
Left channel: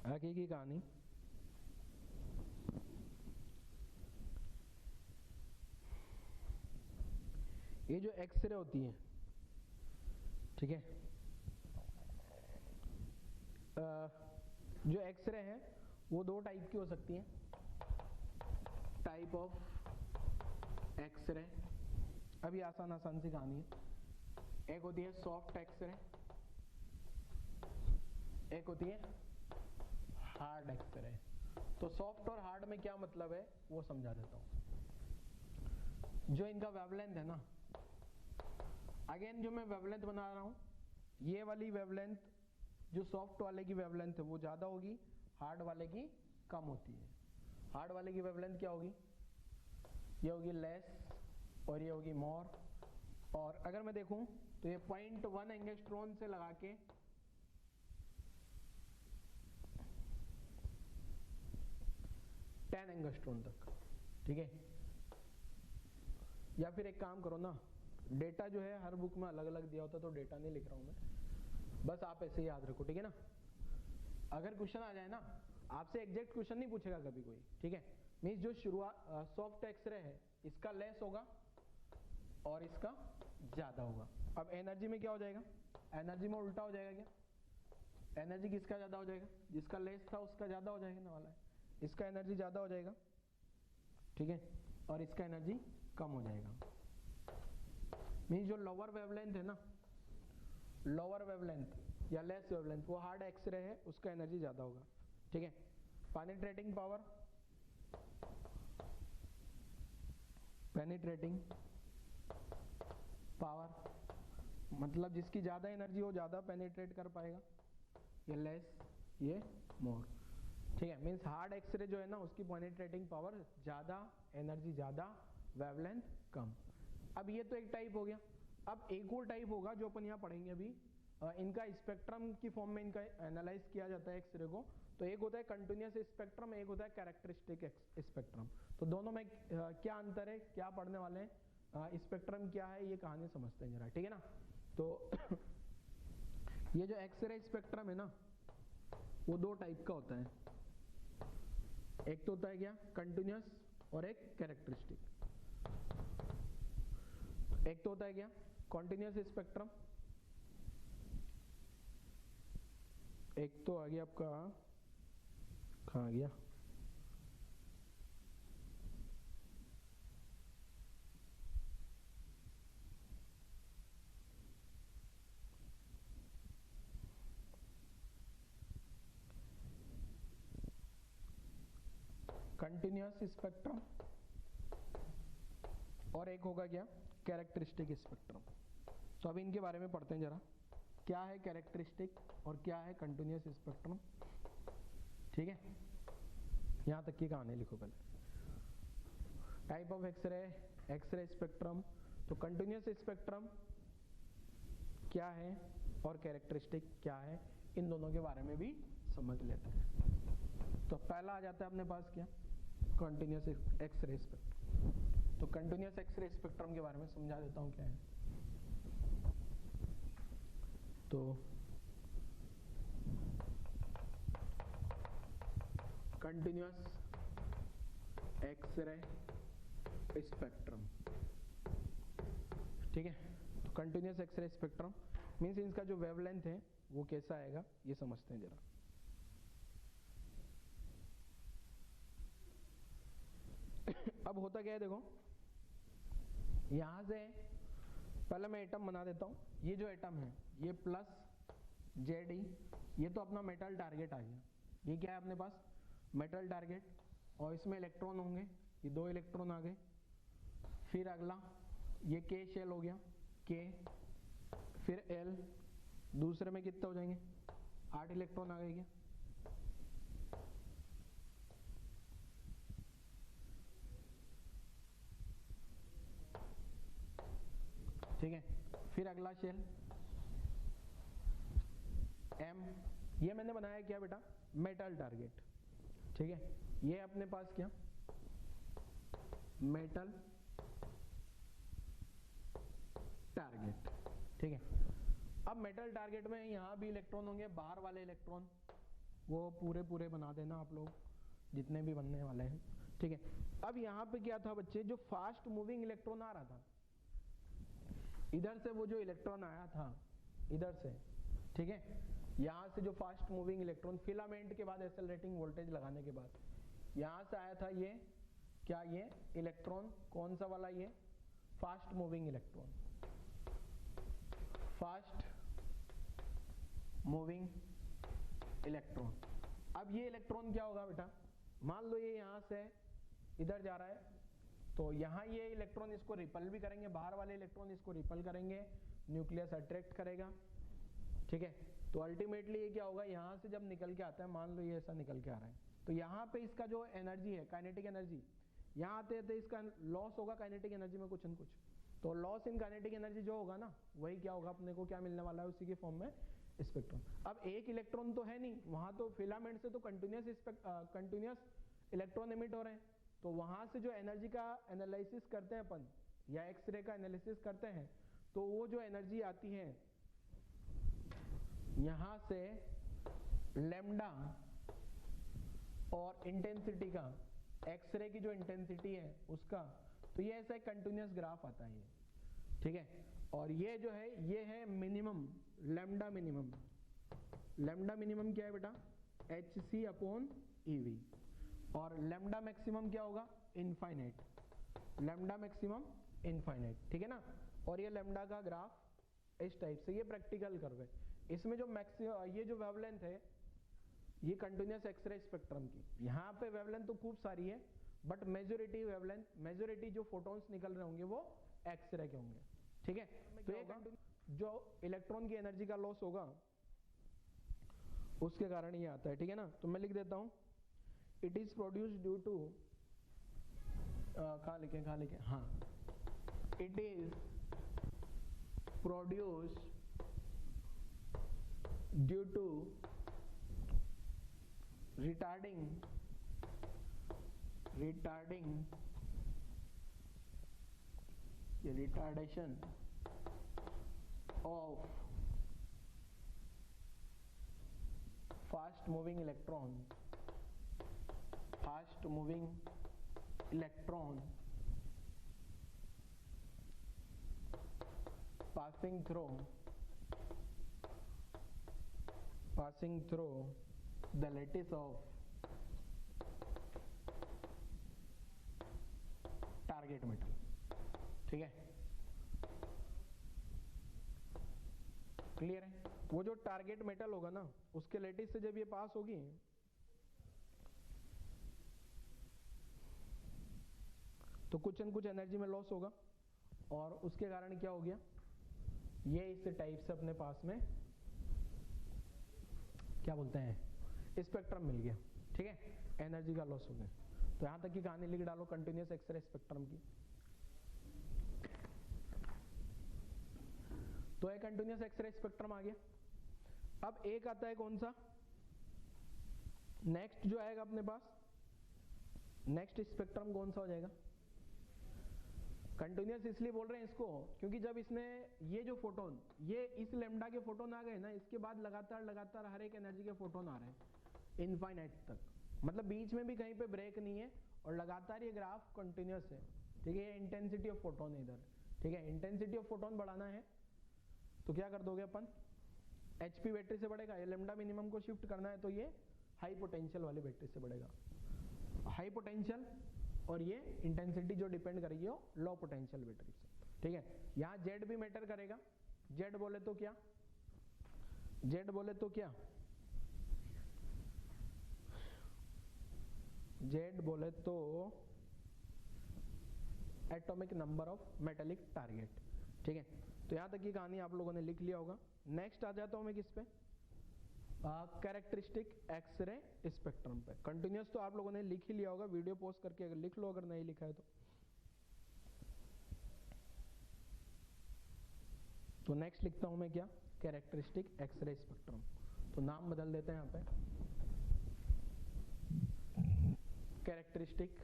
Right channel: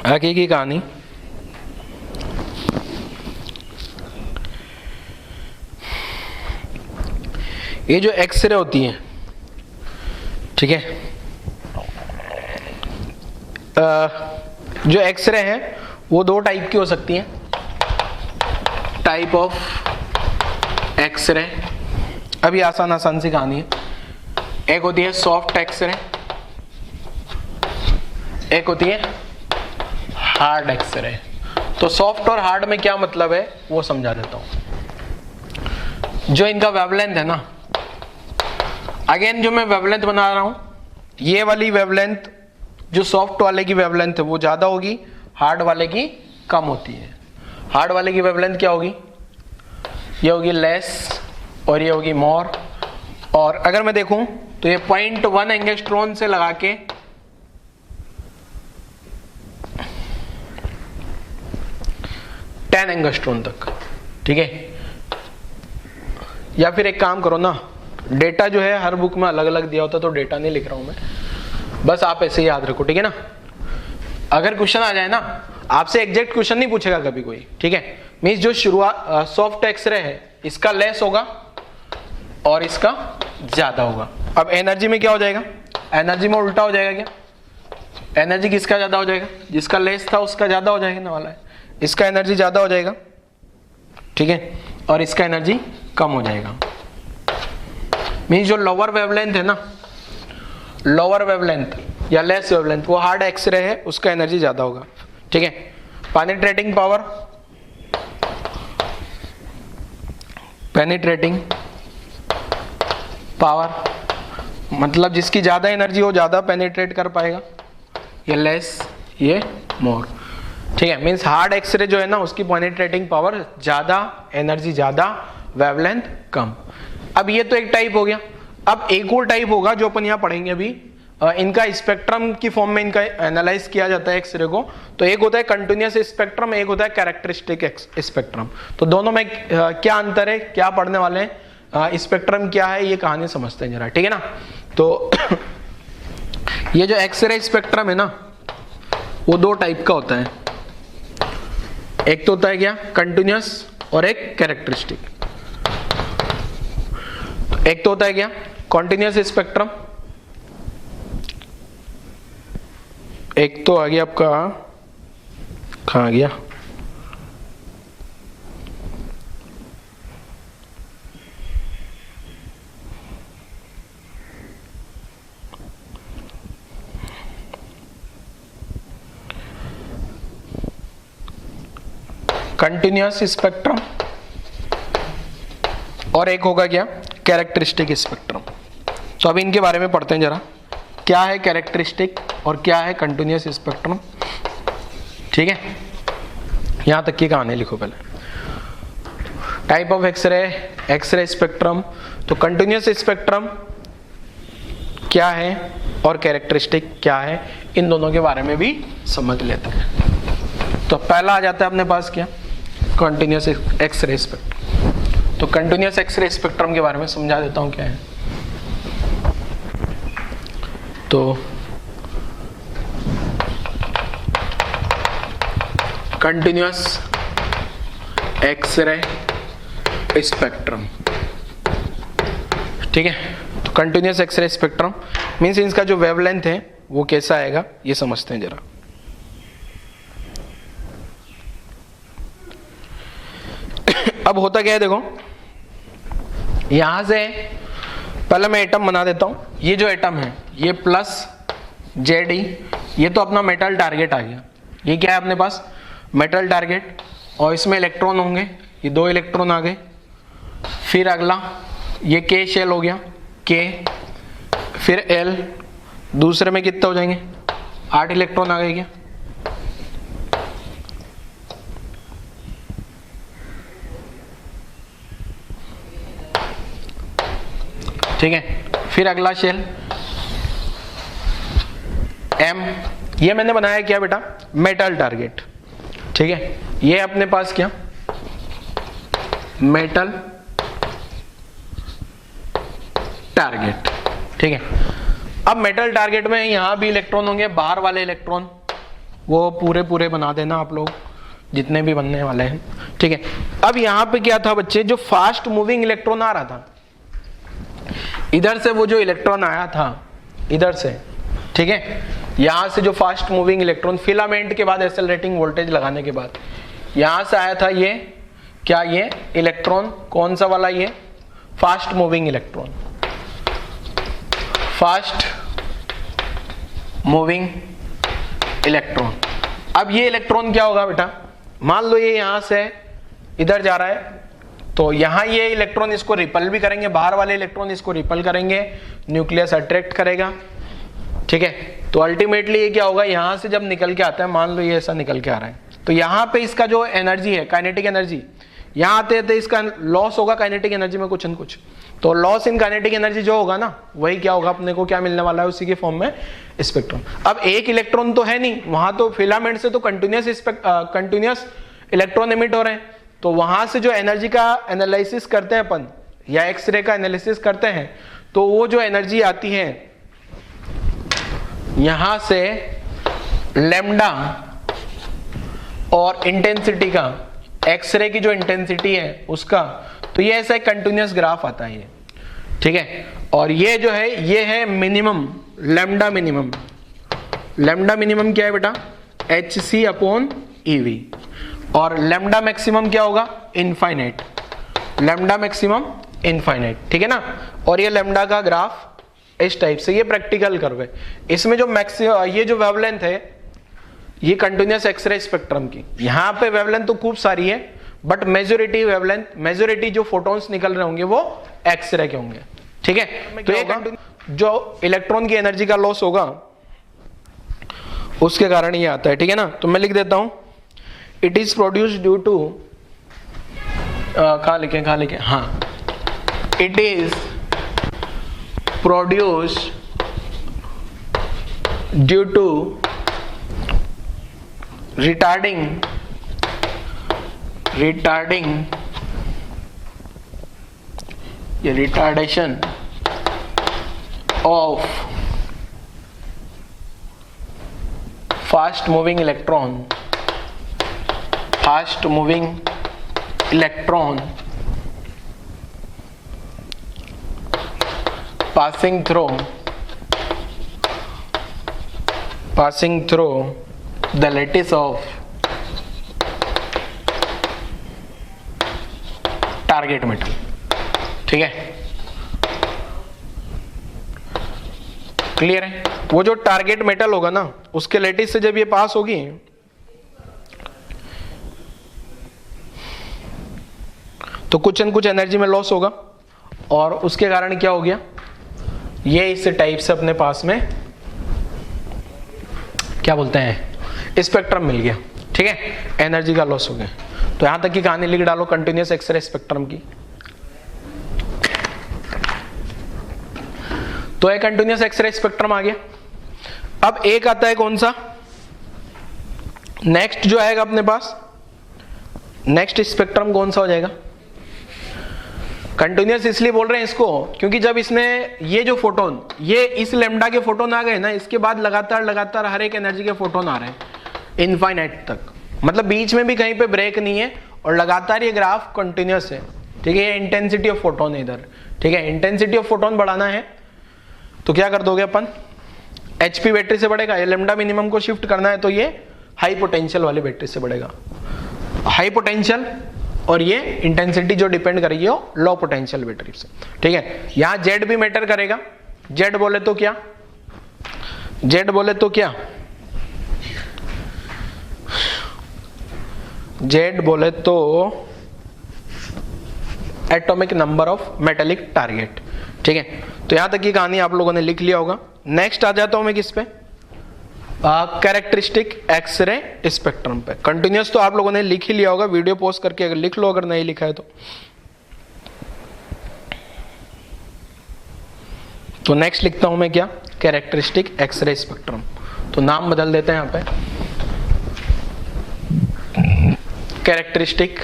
आगे की कहानी। ये जो एक्सरे होती है, ठीक है, जो एक्सरे हैं वो दो टाइप की हो सकती हैं। टाइप ऑफ एक्सरे, अभी आसान आसान सी कहानी है। एक होती है सॉफ्ट एक्सरे, एक होती है हार्ड एक्सरे। तो सॉफ्ट और हार्ड में क्या मतलब है वो समझा देता हूं। जो इनका वेवलेंथ है ना, अगेन जो मैं वेवलेंथ बना रहा हूं, ये वाली वेवलेंथ जो सॉफ्ट वाले की वेवलेंथ है वो ज्यादा होगी, हार्ड वाले की कम होती है। हार्ड वाले की वेवलेंथ क्या होगी, ये होगी लेस और ये होगी मोर। और अगर मैं देखूं तो ये 0.1 एंगस्ट्रॉन से लगा के 10 एंगस्ट्रॉन तक, ठीक है। या फिर एक काम करो ना, डेटा जो है हर बुक में अलग अलग दिया होता है, तो डेटा नहीं लिख रहा हूं मैं, बस आप ऐसे याद रखो, ठीक है ना। अगर क्वेश्चन आ जाए ना, आपसे एग्जैक्ट क्वेश्चन नहीं पूछेगा कभी कोई, ठीक है। मींस जो शुरुआत सॉफ्ट एक्सरे है इसका लेस होगा और इसका ज्यादा होगा। अब एनर्जी में क्या हो जाएगा, एनर्जी में उल्टा हो जाएगा क्या, एनर्जी किसका ज्यादा हो जाएगा, जिसका लेस था उसका ज्यादा हो जाएगा ना वाला है, इसका एनर्जी ज्यादा हो जाएगा, ठीक है, और इसका एनर्जी कम हो जाएगा। मींस जो लोअर वेवलेंथ है ना, लोअर वेवलेंथ या लेस वेवलेंथ, वो हार्ड एक्सरे है, उसका एनर्जी ज्यादा होगा, ठीक है। पेनिट्रेटिंग पावर, पेनिट्रेटिंग पावर मतलब जिसकी ज्यादा एनर्जी हो ज्यादा पेनिट्रेट कर पाएगा, ये लेस ये मोर, ठीक है। मींस हार्ड एक्सरे जो है ना उसकी पेनिट्रेटिंग पावर ज्यादा, एनर्जी ज्यादा, वेवलेंथ कम। अब ये तो एक टाइप हो गया। अब एक और टाइप होगा जो अपन यहाँ पढ़ेंगे अभी, इनका स्पेक्ट्रम की फॉर्म में इनका एनालाइज किया जाता है एक्सरे को। तो एक होता है कंटिन्यूअस स्पेक्ट्रम, एक होता है कैरेक्टरिस्टिक स्पेक्ट्रम। तो दोनों में क्या अंतर है, क्या पढ़ने वाले हैं, स्पेक्ट्रम क्या है, ये कहानी समझते हैं जरा, ठीक है ना। तो ये जो एक्सरे स्पेक्ट्रम है ना वो दो टाइप का होता है, एक तो होता है क्या कंटिन्यूअस और एक कैरेक्टरिस्टिक। एक तो होता है क्या कॉन्टिन्यूअस स्पेक्ट्रम, एक तो आ गया आपका, कहाँ आ गया, कंटिन्यूअस स्पेक्ट्रम, और एक होगा क्या कैरेक्टरिस्टिक स्पेक्ट्रम। तो अभी इनके बारे में पढ़ते हैं जरा, क्या है कैरेक्टरिस्टिक और क्या है कंटिन्यूअस स्पेक्ट्रम, ठीक है। यहां तक की कहानी लिखो पहले। Type of X-ray, X-ray spectrum. तो कंटिन्यूअस स्पेक्ट्रम क्या है और कैरेक्टरिस्टिक क्या है, इन दोनों के बारे में भी समझ लेते हैं। तो पहला आ जाता है अपने पास क्या, कंटिन्यूअस एक्सरे स्पेक्ट्रम। तो कंटिन्यूअस एक्सरे स्पेक्ट्रम के बारे में समझा देता हूं क्या है। तो कंटिन्यूअस एक्सरे स्पेक्ट्रम, ठीक है। तो कंटिन्यूअस एक्सरे स्पेक्ट्रम मीन्स इसका जो वेवलेंथ है वो कैसा आएगा ये समझते हैं जरा। अब होता क्या है देखो, यहां से पहले मैं एटम बना देता हूं। ये जो एटम है ये प्लस जेड ई, ये तो अपना मेटल टारगेट आ गया। ये क्या है अपने पास, मेटल टारगेट, और इसमें इलेक्ट्रॉन होंगे, ये 2 इलेक्ट्रॉन आ गए। फिर अगला ये के शेल हो गया, के, फिर एल, दूसरे में कितने हो जाएंगे, 8 इलेक्ट्रॉन आ गए क्या। ठीक है, फिर अगला शेल एम, ये मैंने बनाया क्या बेटा, मेटल टारगेट। ठीक है, ये अपने पास क्या, मेटल टारगेट। ठीक है, अब मेटल टारगेट में यहां भी इलेक्ट्रॉन होंगे, बाहर वाले इलेक्ट्रॉन वो पूरे बना देना आप लोग जितने भी बनने वाले हैं। ठीक है, अब यहां पे क्या था बच्चे, जो फास्ट मूविंग इलेक्ट्रॉन आ रहा था इधर से, वो जो इलेक्ट्रॉन आया था इधर से, ठीक है, यहां से जो फास्ट मूविंग इलेक्ट्रॉन फिलामेंट के बाद एक्सेलरेटिंग वोल्टेज लगाने के बाद यहां से आया था, ये क्या, ये इलेक्ट्रॉन कौन सा वाला, ये fast moving electron, fast moving electron. अब ये इलेक्ट्रॉन क्या होगा बेटा, मान लो ये यहां से इधर जा रहा है, तो यहां ये इलेक्ट्रॉन इसको रिपल भी करेंगे, बाहर वाले इलेक्ट्रॉन इसको रिपल करेंगे, न्यूक्लियस अट्रैक्ट करेगा। ठीक है, तो अल्टीमेटली ये क्या होगा, यहां से जब निकल के आता है, मान लो ये ऐसा निकल के आ रहा है, तो यहां पे इसका जो एनर्जी है, काइनेटिक एनर्जी, यहां आते आते इसका लॉस होगा काइनेटिक एनर्जी में कुछ न कुछ। तो लॉस इन काइनेटिक एनर्जी जो होगा ना, वही क्या होगा, अपने को क्या मिलने वाला है, उसी के फॉर्म में स्पेक्ट्रम। अब एक इलेक्ट्रॉन तो है नहीं वहां, तो फिलामेंट से तो कंटिन्यूस इलेक्ट्रॉन एमिट हो रहे हैं, तो वहां से जो एनर्जी का एनालिसिस करते हैं अपन, या एक्सरे का एनालिसिस करते हैं, तो वो जो एनर्जी आती है यहां से लैम्डा और इंटेंसिटी का, एक्सरे की जो इंटेंसिटी है उसका, तो ये ऐसा एक कंटिन्यूस ग्राफ आता है ये। ठीक है, और ये जो है ये है minimum, lambda minimum. Lambda minimum क्या है बेटा, hc/ev, और लैम्डा मैक्सिमम क्या होगा, इनफाइनाइट, लैम्डा मैक्सिमम इनफाइनाइट। ठीक है ना, और ये लैम्डा का ग्राफ इस टाइप से, ये प्रैक्टिकल कर्व है। इसमें जो ये जो वेवलेंथ है ये कंटिन्यूस एक्सरे स्पेक्ट्रम की, यहाँ पे वेवलेंथ तो खूब सारी है, बट मेजोरिटी वेवलेंथ, मेजोरिटी जो फोटॉन्स निकल रहे होंगे वो एक्सरे के होंगे। ठीक है, तो ये जो इलेक्ट्रॉन की एनर्जी का लॉस होगा उसके कारण ये आता है। ठीक है ना, तो मैं लिख देता हूं, it is produced due to, कहाँ लिखे, हाँ, it is produced due to retarding ये retardation of fast moving electron passing through the lattice of target metal. ठीक है, क्लियर है, वो जो टारगेट मेटल होगा ना उसके लेटिस से जब ये पास होगी तो कुछ न कुछ एनर्जी में लॉस होगा, और उसके कारण क्या हो गया, ये इस टाइप से अपने पास में क्या बोलते हैं, स्पेक्ट्रम मिल गया। ठीक है, एनर्जी का लॉस हो गया। तो यहां तक की कहानी लिख डालो कंटिन्यूस एक्सरे स्पेक्ट्रम की। तो एक कंटिन्यूस एक्सरे स्पेक्ट्रम आ गया। अब एक आता है कौन सा, नेक्स्ट जो आएगा अपने पास, नेक्स्ट स्पेक्ट्रम कौन सा हो जाएगा, कंटिन्यूस इसलिए बोल रहे हैं इसको क्योंकि जब इसमें ये जो फोटोन, ये इस लैम्डा के फोटोन आ गए ना, इसके बाद लगातार हर एक एनर्जी के फोटोन आ रहे हैं इनफाइनाइट तक, मतलब बीच में भी कहीं पे ब्रेक नहीं है, और लगातार ये ग्राफ कंटिन्यूस है। ठीक है, ये इंटेंसिटी ऑफ फोटोन है इधर। ठीक है, इंटेंसिटी ऑफ फोटोन बढ़ाना है तो क्या कर दोगे अपन, HP बैटरी से बढ़ेगा, ये लेमडा मिनिमम को शिफ्ट करना है तो ये हाई पोटेंशियल वाली बैटरी से बढ़ेगा। हाई पोटेंशियल और ये इंटेंसिटी जो डिपेंड करेगी वो लो पोटेंशियल बैटरी से, ठीक है। यहाँ जेड भी मैटर करेगा, जेड बोले तो क्या, जेड बोले तो क्या, जेड बोले तो atomic number of metallic target, ठीक है। तो यहां तक की कहानी आप लोगों ने लिख लिया होगा। नेक्स्ट आ जाता हूं मैं किस पे, कैरेक्टरिस्टिक एक्सरे स्पेक्ट्रम पे। कंटिन्यूस तो आप लोगों ने लिख ही लिया होगा, वीडियो पॉज करके अगर लिख लो, अगर नहीं लिखा है तो नेक्स्ट लिखता हूं मैं क्या, कैरेक्टरिस्टिक एक्सरे स्पेक्ट्रम। तो नाम बदल देते हैं यहां पे, कैरेक्टरिस्टिक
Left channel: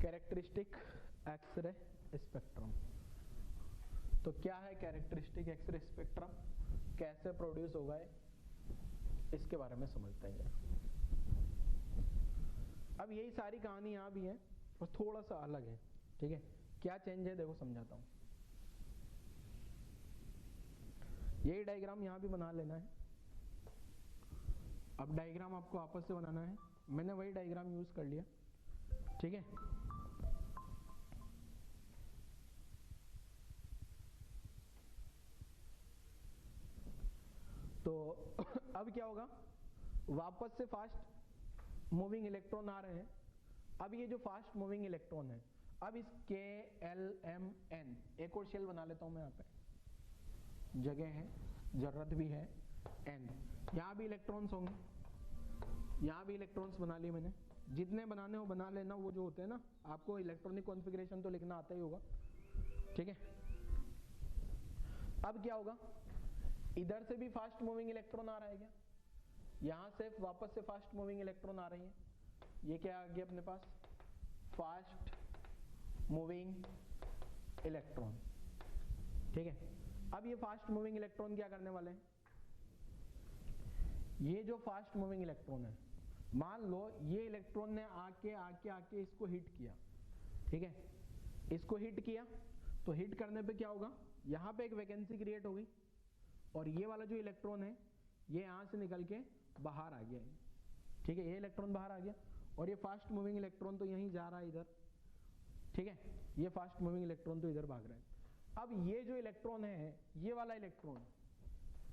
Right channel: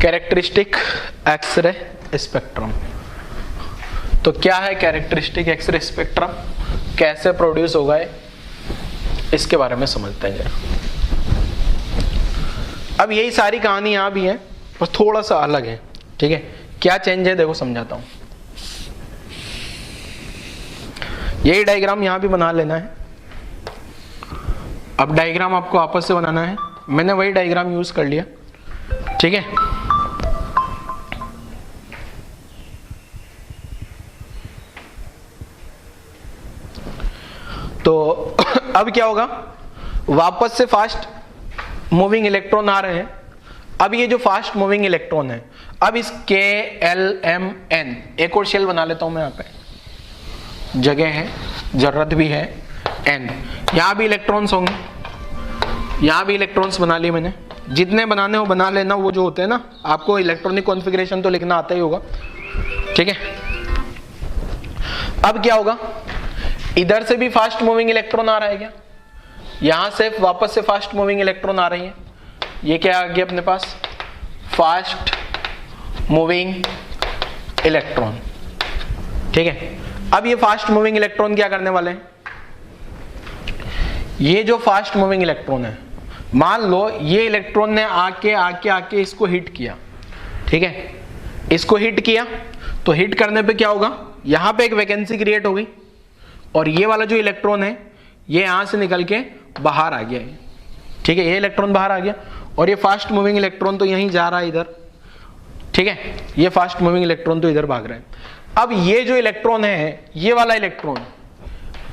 कैरेक्टरिस्टिक एक्सरे स्पेक्ट्रम। तो क्या है कैरेक्टरिस्टिक एक्सरे स्पेक्ट्रम, कैसे प्रोड्यूस होगा है, इसके बारे में समझते हैं जरा। अब यही सारी कहानी यहां भी है, बस थोड़ा सा अलग है, ठीक है। क्या चेंज है देखो समझाता हूं। यही डायग्राम यहां भी बना लेना है। अब डायग्राम आपको आपस से बनाना है, मैंने वही डायग्राम यूज कर लिया, ठीक है। तो अब क्या होगा, वापस से फास्ट मूविंग इलेक्ट्रॉन आ रहे हैं। अब ये जो फास्ट मूविंग इलेक्ट्रॉन है, अब इस KLMN एक और शेल बना लेता हूं मैं, यहां पे जगह है, जरूरत भी है, N। यहां भी इलेक्ट्रॉन्स होंगे, यहां भी इलेक्ट्रॉन्स बना लिए मैंने, जितने बनाने हो बना लेना। वो जो होते हैं ना, आपको इलेक्ट्रॉनिक कॉन्फ़िगरेशन तो लिखना आता ही होगा, ठीक है। अब क्या होगा, इधर से भी फास्ट मूविंग इलेक्ट्रॉन आ रहा है क्या, यहां से वापस से फास्ट मूविंग इलेक्ट्रॉन आ रही है। ये क्या आ गया अपने पास, फास्ट मूविंग इलेक्ट्रॉन, ठीक है। अब ये फास्ट मूविंग इलेक्ट्रॉन क्या करने वाले हैं, ये जो फास्ट मूविंग इलेक्ट्रॉन है, मान लो ये इलेक्ट्रॉन ने आके आके आके इसको हिट किया, ठीक है। इसको हिट किया तो हिट करने पे क्या होगा, यहां पे एक वैकेंसी क्रिएट होगी और ये वाला जो इलेक्ट्रॉन है ये यहां से निकल के बाहर आ गया है, ठीक है। ये इलेक्ट्रॉन बाहर आ गया और ये फास्ट मूविंग इलेक्ट्रॉन तो यहीं जा रहा है इधर, ठीक है। ये फास्ट मूविंग इलेक्ट्रॉन तो इधर भाग रहा है। अब ये जो इलेक्ट्रॉन है, ये वाला इलेक्ट्रॉन,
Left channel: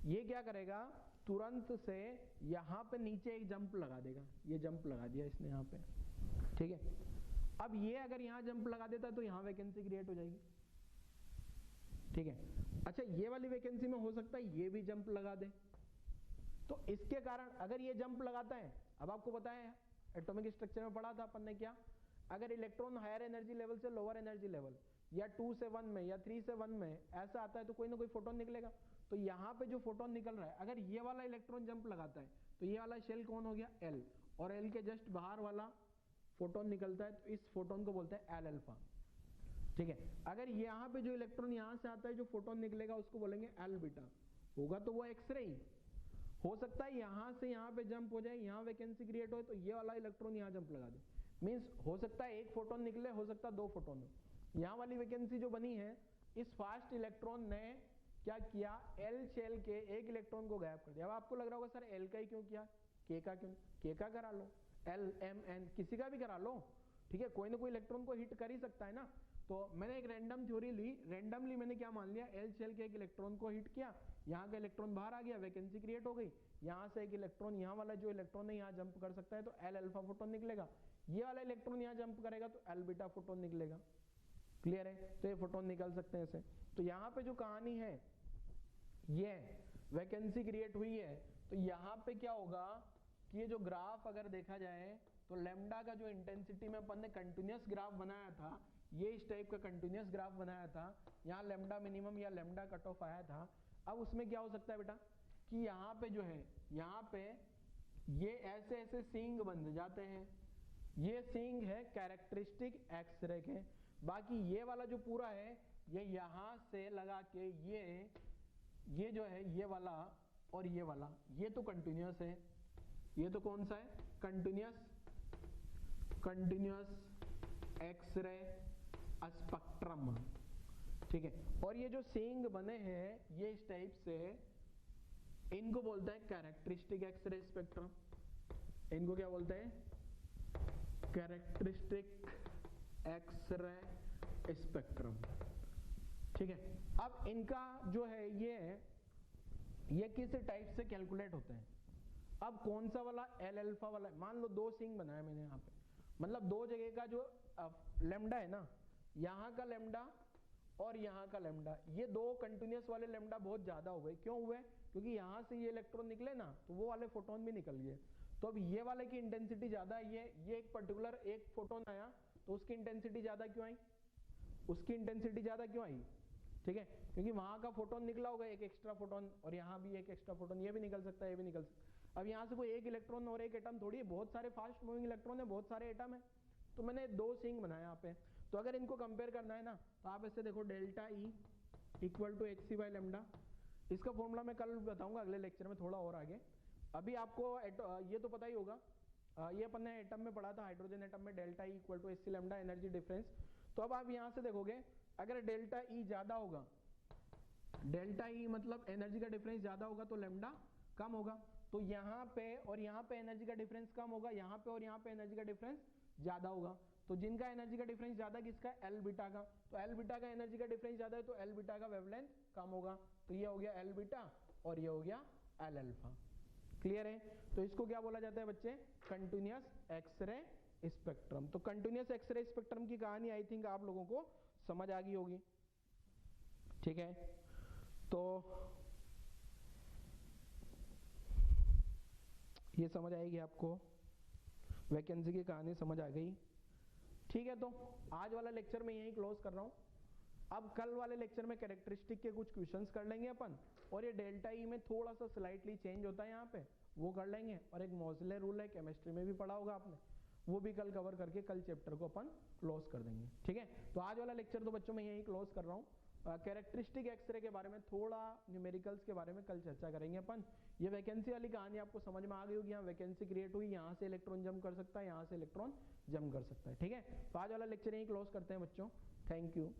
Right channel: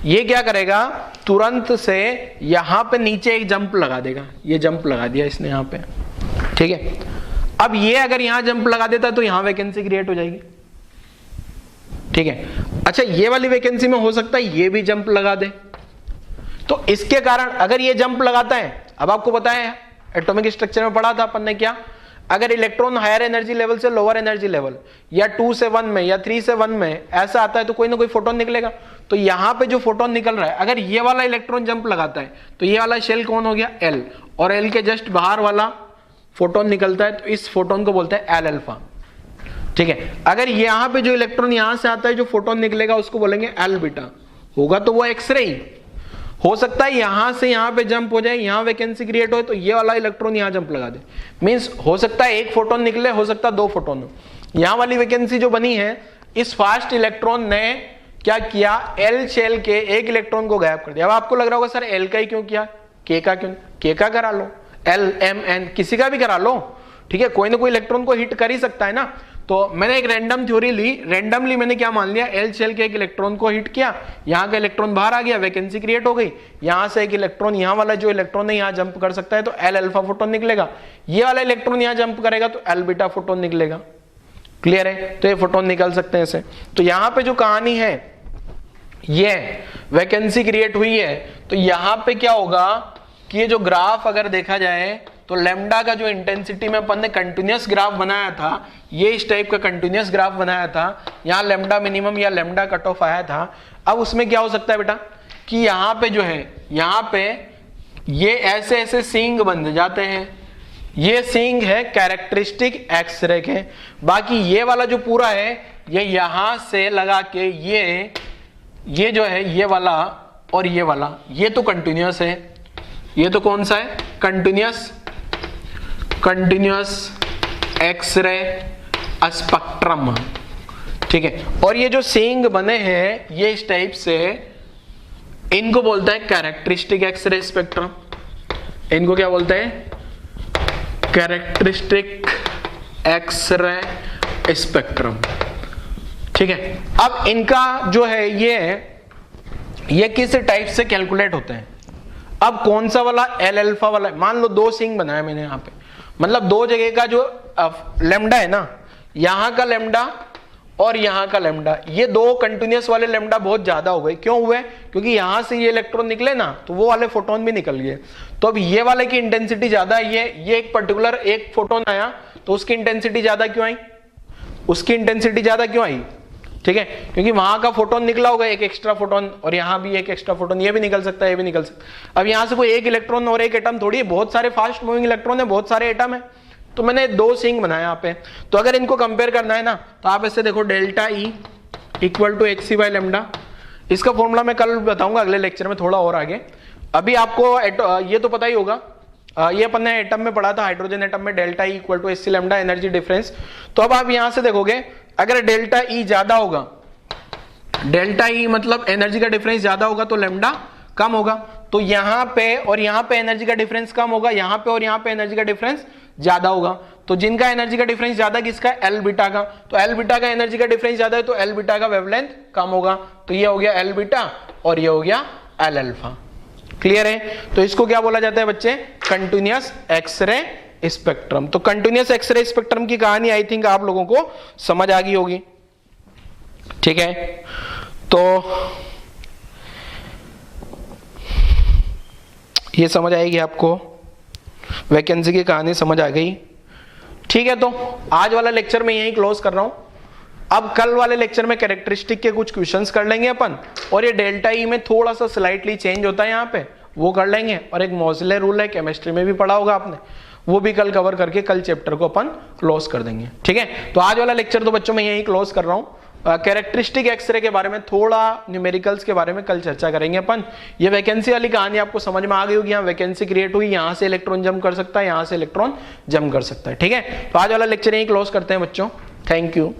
ये क्या करेगा, तुरंत से यहां पे नीचे एक जंप लगा देगा। ये जंप लगा दिया इसने यहां पे, ठीक है। अब ये अगर यहां जंप लगा देता तो यहां वैकेंसी क्रिएट हो जाएगी, ठीक है। अच्छा, ये वाली वैकेंसी में हो सकता है ये भी जंप लगा दे, तो इसके कारण अगर ये जंप लगाता है, अब आपको पता है एटॉमिक स्ट्रक्चर में पढ़ा था अपन ने क्या, अगर इलेक्ट्रॉन हायर एनर्जी लेवल से लोअर एनर्जी लेवल या 2 से 1 में या 3 से 1 में ऐसा आता है तो कोई ना कोई फोटोन निकलेगा। तो यहां पे जो फोटोन निकल रहा है, अगर ये वाला इलेक्ट्रॉन जंप लगाता है तो ये वाला शेल कौन हो गया, L, और L के जस्ट बाहर वाला फोटोन निकलता है तो इस फोटोन को बोलते हैं L अल्फा, ठीक है। अगर यहां पे जो इलेक्ट्रॉन यहां से आता है, जो फोटोन निकलेगा उसको बोलेंगे L बीटा, होगा तो वो एक्सरे ही। हो सकता है यहां से यहां पे जंप हो जाए, यहां वैकेंसी क्रिएट हो तो ये वाला इलेक्ट्रॉन यहां जंप लगा दे, मींस हो सकता है एक फोटोन निकले, हो सकता है 2 फोटोन हो। यहां वाली वैकेंसी जो बनी है, इस फास्ट इलेक्ट्रॉन ने क्या किया, L शेल के एक इलेक्ट्रॉन को गायब कर दिया। अब आपको लग रहा होगा सर L का ही क्यों किया, K का क्यों, K का करा लो, L M N किसी का भी करा लो, ठीक है। कोई ना कोई इलेक्ट्रॉन को हिट कर ही सकता है ना। तो मैंने एक रैंडम थ्योरी ली, रैंडमली मैंने क्या मान लिया, L शेल के एक इलेक्ट्रॉन को हिट किया, यहाँ का इलेक्ट्रॉन बाहर आ गया, वैकेंसी क्रिएट हो गई, यहाँ से एक इलेक्ट्रॉन, यहाँ वाला जो इलेक्ट्रॉन है यहाँ जंप कर सकता है तो L अल्फा फोटोन निकलेगा। ये वाला इलेक्ट्रॉन यहाँ जंप करेगा तो L बीटा फोटोन निकलेगा। क्लियर है, तो ये फोटोन निकल सकते हैं ऐसे। तो यहाँ पे जो कहानी है, ये वैकेंसी क्रिएट हुई है, तो यहाँ पे क्या होगा कि ये जो ग्राफ अगर देखा जाए तो लेमडा का जो इंटेंसिटी में अपन ने कंटिन्यूअस ग्राफ बनाया था, ये इस टाइप का कंटिन्यूअस ग्राफ बनाया था, यहाँ लेमडा मिनिमम या लेमडा कट ऑफ आया था। अब उसमें क्या हो सकता है बेटा कि यहाँ पे जो है, यहाँ पे ये ऐसे ऐसे सींग बन जाते हैं, ये सींग है कैरेक्टरिस्टिक एक्सरे के। बाकी ये वाला जो पूरा है, ये यहां से लगा के ये जो है, ये वाला और ये वाला, ये तो कंटिन्यूअस है। ये तो कौन सा है, कंटिन्यूअस एक्सरे स्पेक्ट्रम, ठीक है। और ये जो सीइंग बने हैं ये इस टाइप से, इनको बोलते हैं कैरेक्टरिस्टिक एक्सरे स्पेक्ट्रम। इनको क्या बोलते हैं? कैरेक्टरिस्टिक एक्सरे स्पेक्ट्रम, ठीक है। अब इनका जो है ये किस टाइप से कैलकुलेट होते हैं? अब कौन सा वाला? एल अल्फा वाला। मान लो दो सीइंग बनाया मैंने यहाँ पे, मतलब दो जगह का जो लेमडा है ना, यहां का लेमडा और यहां का लेमडा, ये दो कंटिन्यूअस वाले लेमडा बहुत ज्यादा हो गए। क्यों हुए? क्योंकि यहां से ये इलेक्ट्रॉन निकले ना, तो वो वाले फोटोन भी निकल गए। तो अब ये वाले की इंटेंसिटी ज्यादा है, ये एक पर्टिकुलर एक फोटोन आया तो उसकी इंटेंसिटी ज्यादा क्यों आई? उसकी इंटेंसिटी ज्यादा क्यों आई? ठीक है, क्योंकि वहां का फोटोन निकला होगा एक एक्स्ट्रा फोटोन, और यहाँ भी एक एक्स्ट्रा फोटोन, ये भी निकल सकता है, ये भी निकल सकता है। अब यहाँ से कोई एक इलेक्ट्रॉन और एक एटम थोड़ी है, बहुत सारे फास्ट मूविंग इलेक्ट्रॉन है, बहुत सारे एटम है। तो मैंने दो सीइंग बनाया यहाँ पे। तो अगर इनको कंपेयर करना है ना, तो आप ऐसे देखो, delta E equal to hc by lambda. इसका फॉर्मूला मैं कल बताऊंगा अगले लेक्चर में थोड़ा और आगे। अभी आपको ये तो पता ही होगा, ये अपन ने एटम में पढ़ा था, हाइड्रोजन एटम में delta E equal to hc lambda energy difference. तो अब आप यहां से देखोगे, अगर डेल्टा ई ज्यादा होगा, डेल्टा ई मतलब एनर्जी का डिफरेंस ज्यादा होगा, तो लेमडा कम होगा। तो यहां पे और यहां पे एनर्जी का डिफरेंस कम होगा, यहां पे और यहां पे एनर्जी का डिफरेंस ज्यादा होगा। तो जिनका एनर्जी का डिफरेंस ज्यादा किसका? एल बीटा का। तो एल बीटा का एनर्जी का डिफरेंस ज्यादा है, तो एल बीटा का वेवलेंथ कम होगा। तो ये हो गया एल बीटा और ये हो गया एल अल्फा। क्लियर है? तो इसको क्या बोला जाता है बच्चे? Continuous X-ray spectrum. तो कंटिन्यूअस एक्सरे स्पेक्ट्रम की कहानी आई थिंक आप लोगों को समझ आ गई होगी, ठीक है। तो ये समझ आएगी आपको, वैकेंसी की कहानी समझ आ गई, ठीक है। तो आज वाला लेक्चर मैं यहीं क्लोज कर रहा हूं। अब कल वाले लेक्चर में कैरेक्टरिस्टिक के कुछ क्वेश्चंस कर लेंगे अपन, और ये डेल्टा ई में थोड़ा सा स्लाइटली चेंज होता है यहाँ पे, वो कर लेंगे। और एक मोज़ले रूल है, केमिस्ट्री में भी पढ़ा होगा आपने, वो भी कल कवर करके कल चैप्टर को अपन क्लोज कर देंगे, ठीक है। तो आज वाला लेक्चर तो बच्चों मैं यहीं क्लोज कर रहा हूँ। कैरेक्टरिस्टिक एक्सरे के बारे में, थोड़ा न्यूमेरिकल्स के बारे में कल चर्चा करेंगे अपन। ये वैकेंसी वाली कहानी आपको समझ में आ गई होगी, यहाँ वैकेंसी क्रिएट हुई, यहाँ से इलेक्ट्रॉन जंप कर सकता है, यहाँ से इलेक्ट्रॉन जंप कर सकता है, ठीक है। तो आज वाला लेक्चर यहीं क्लोज करते हैं बच्चों, थैंक यू।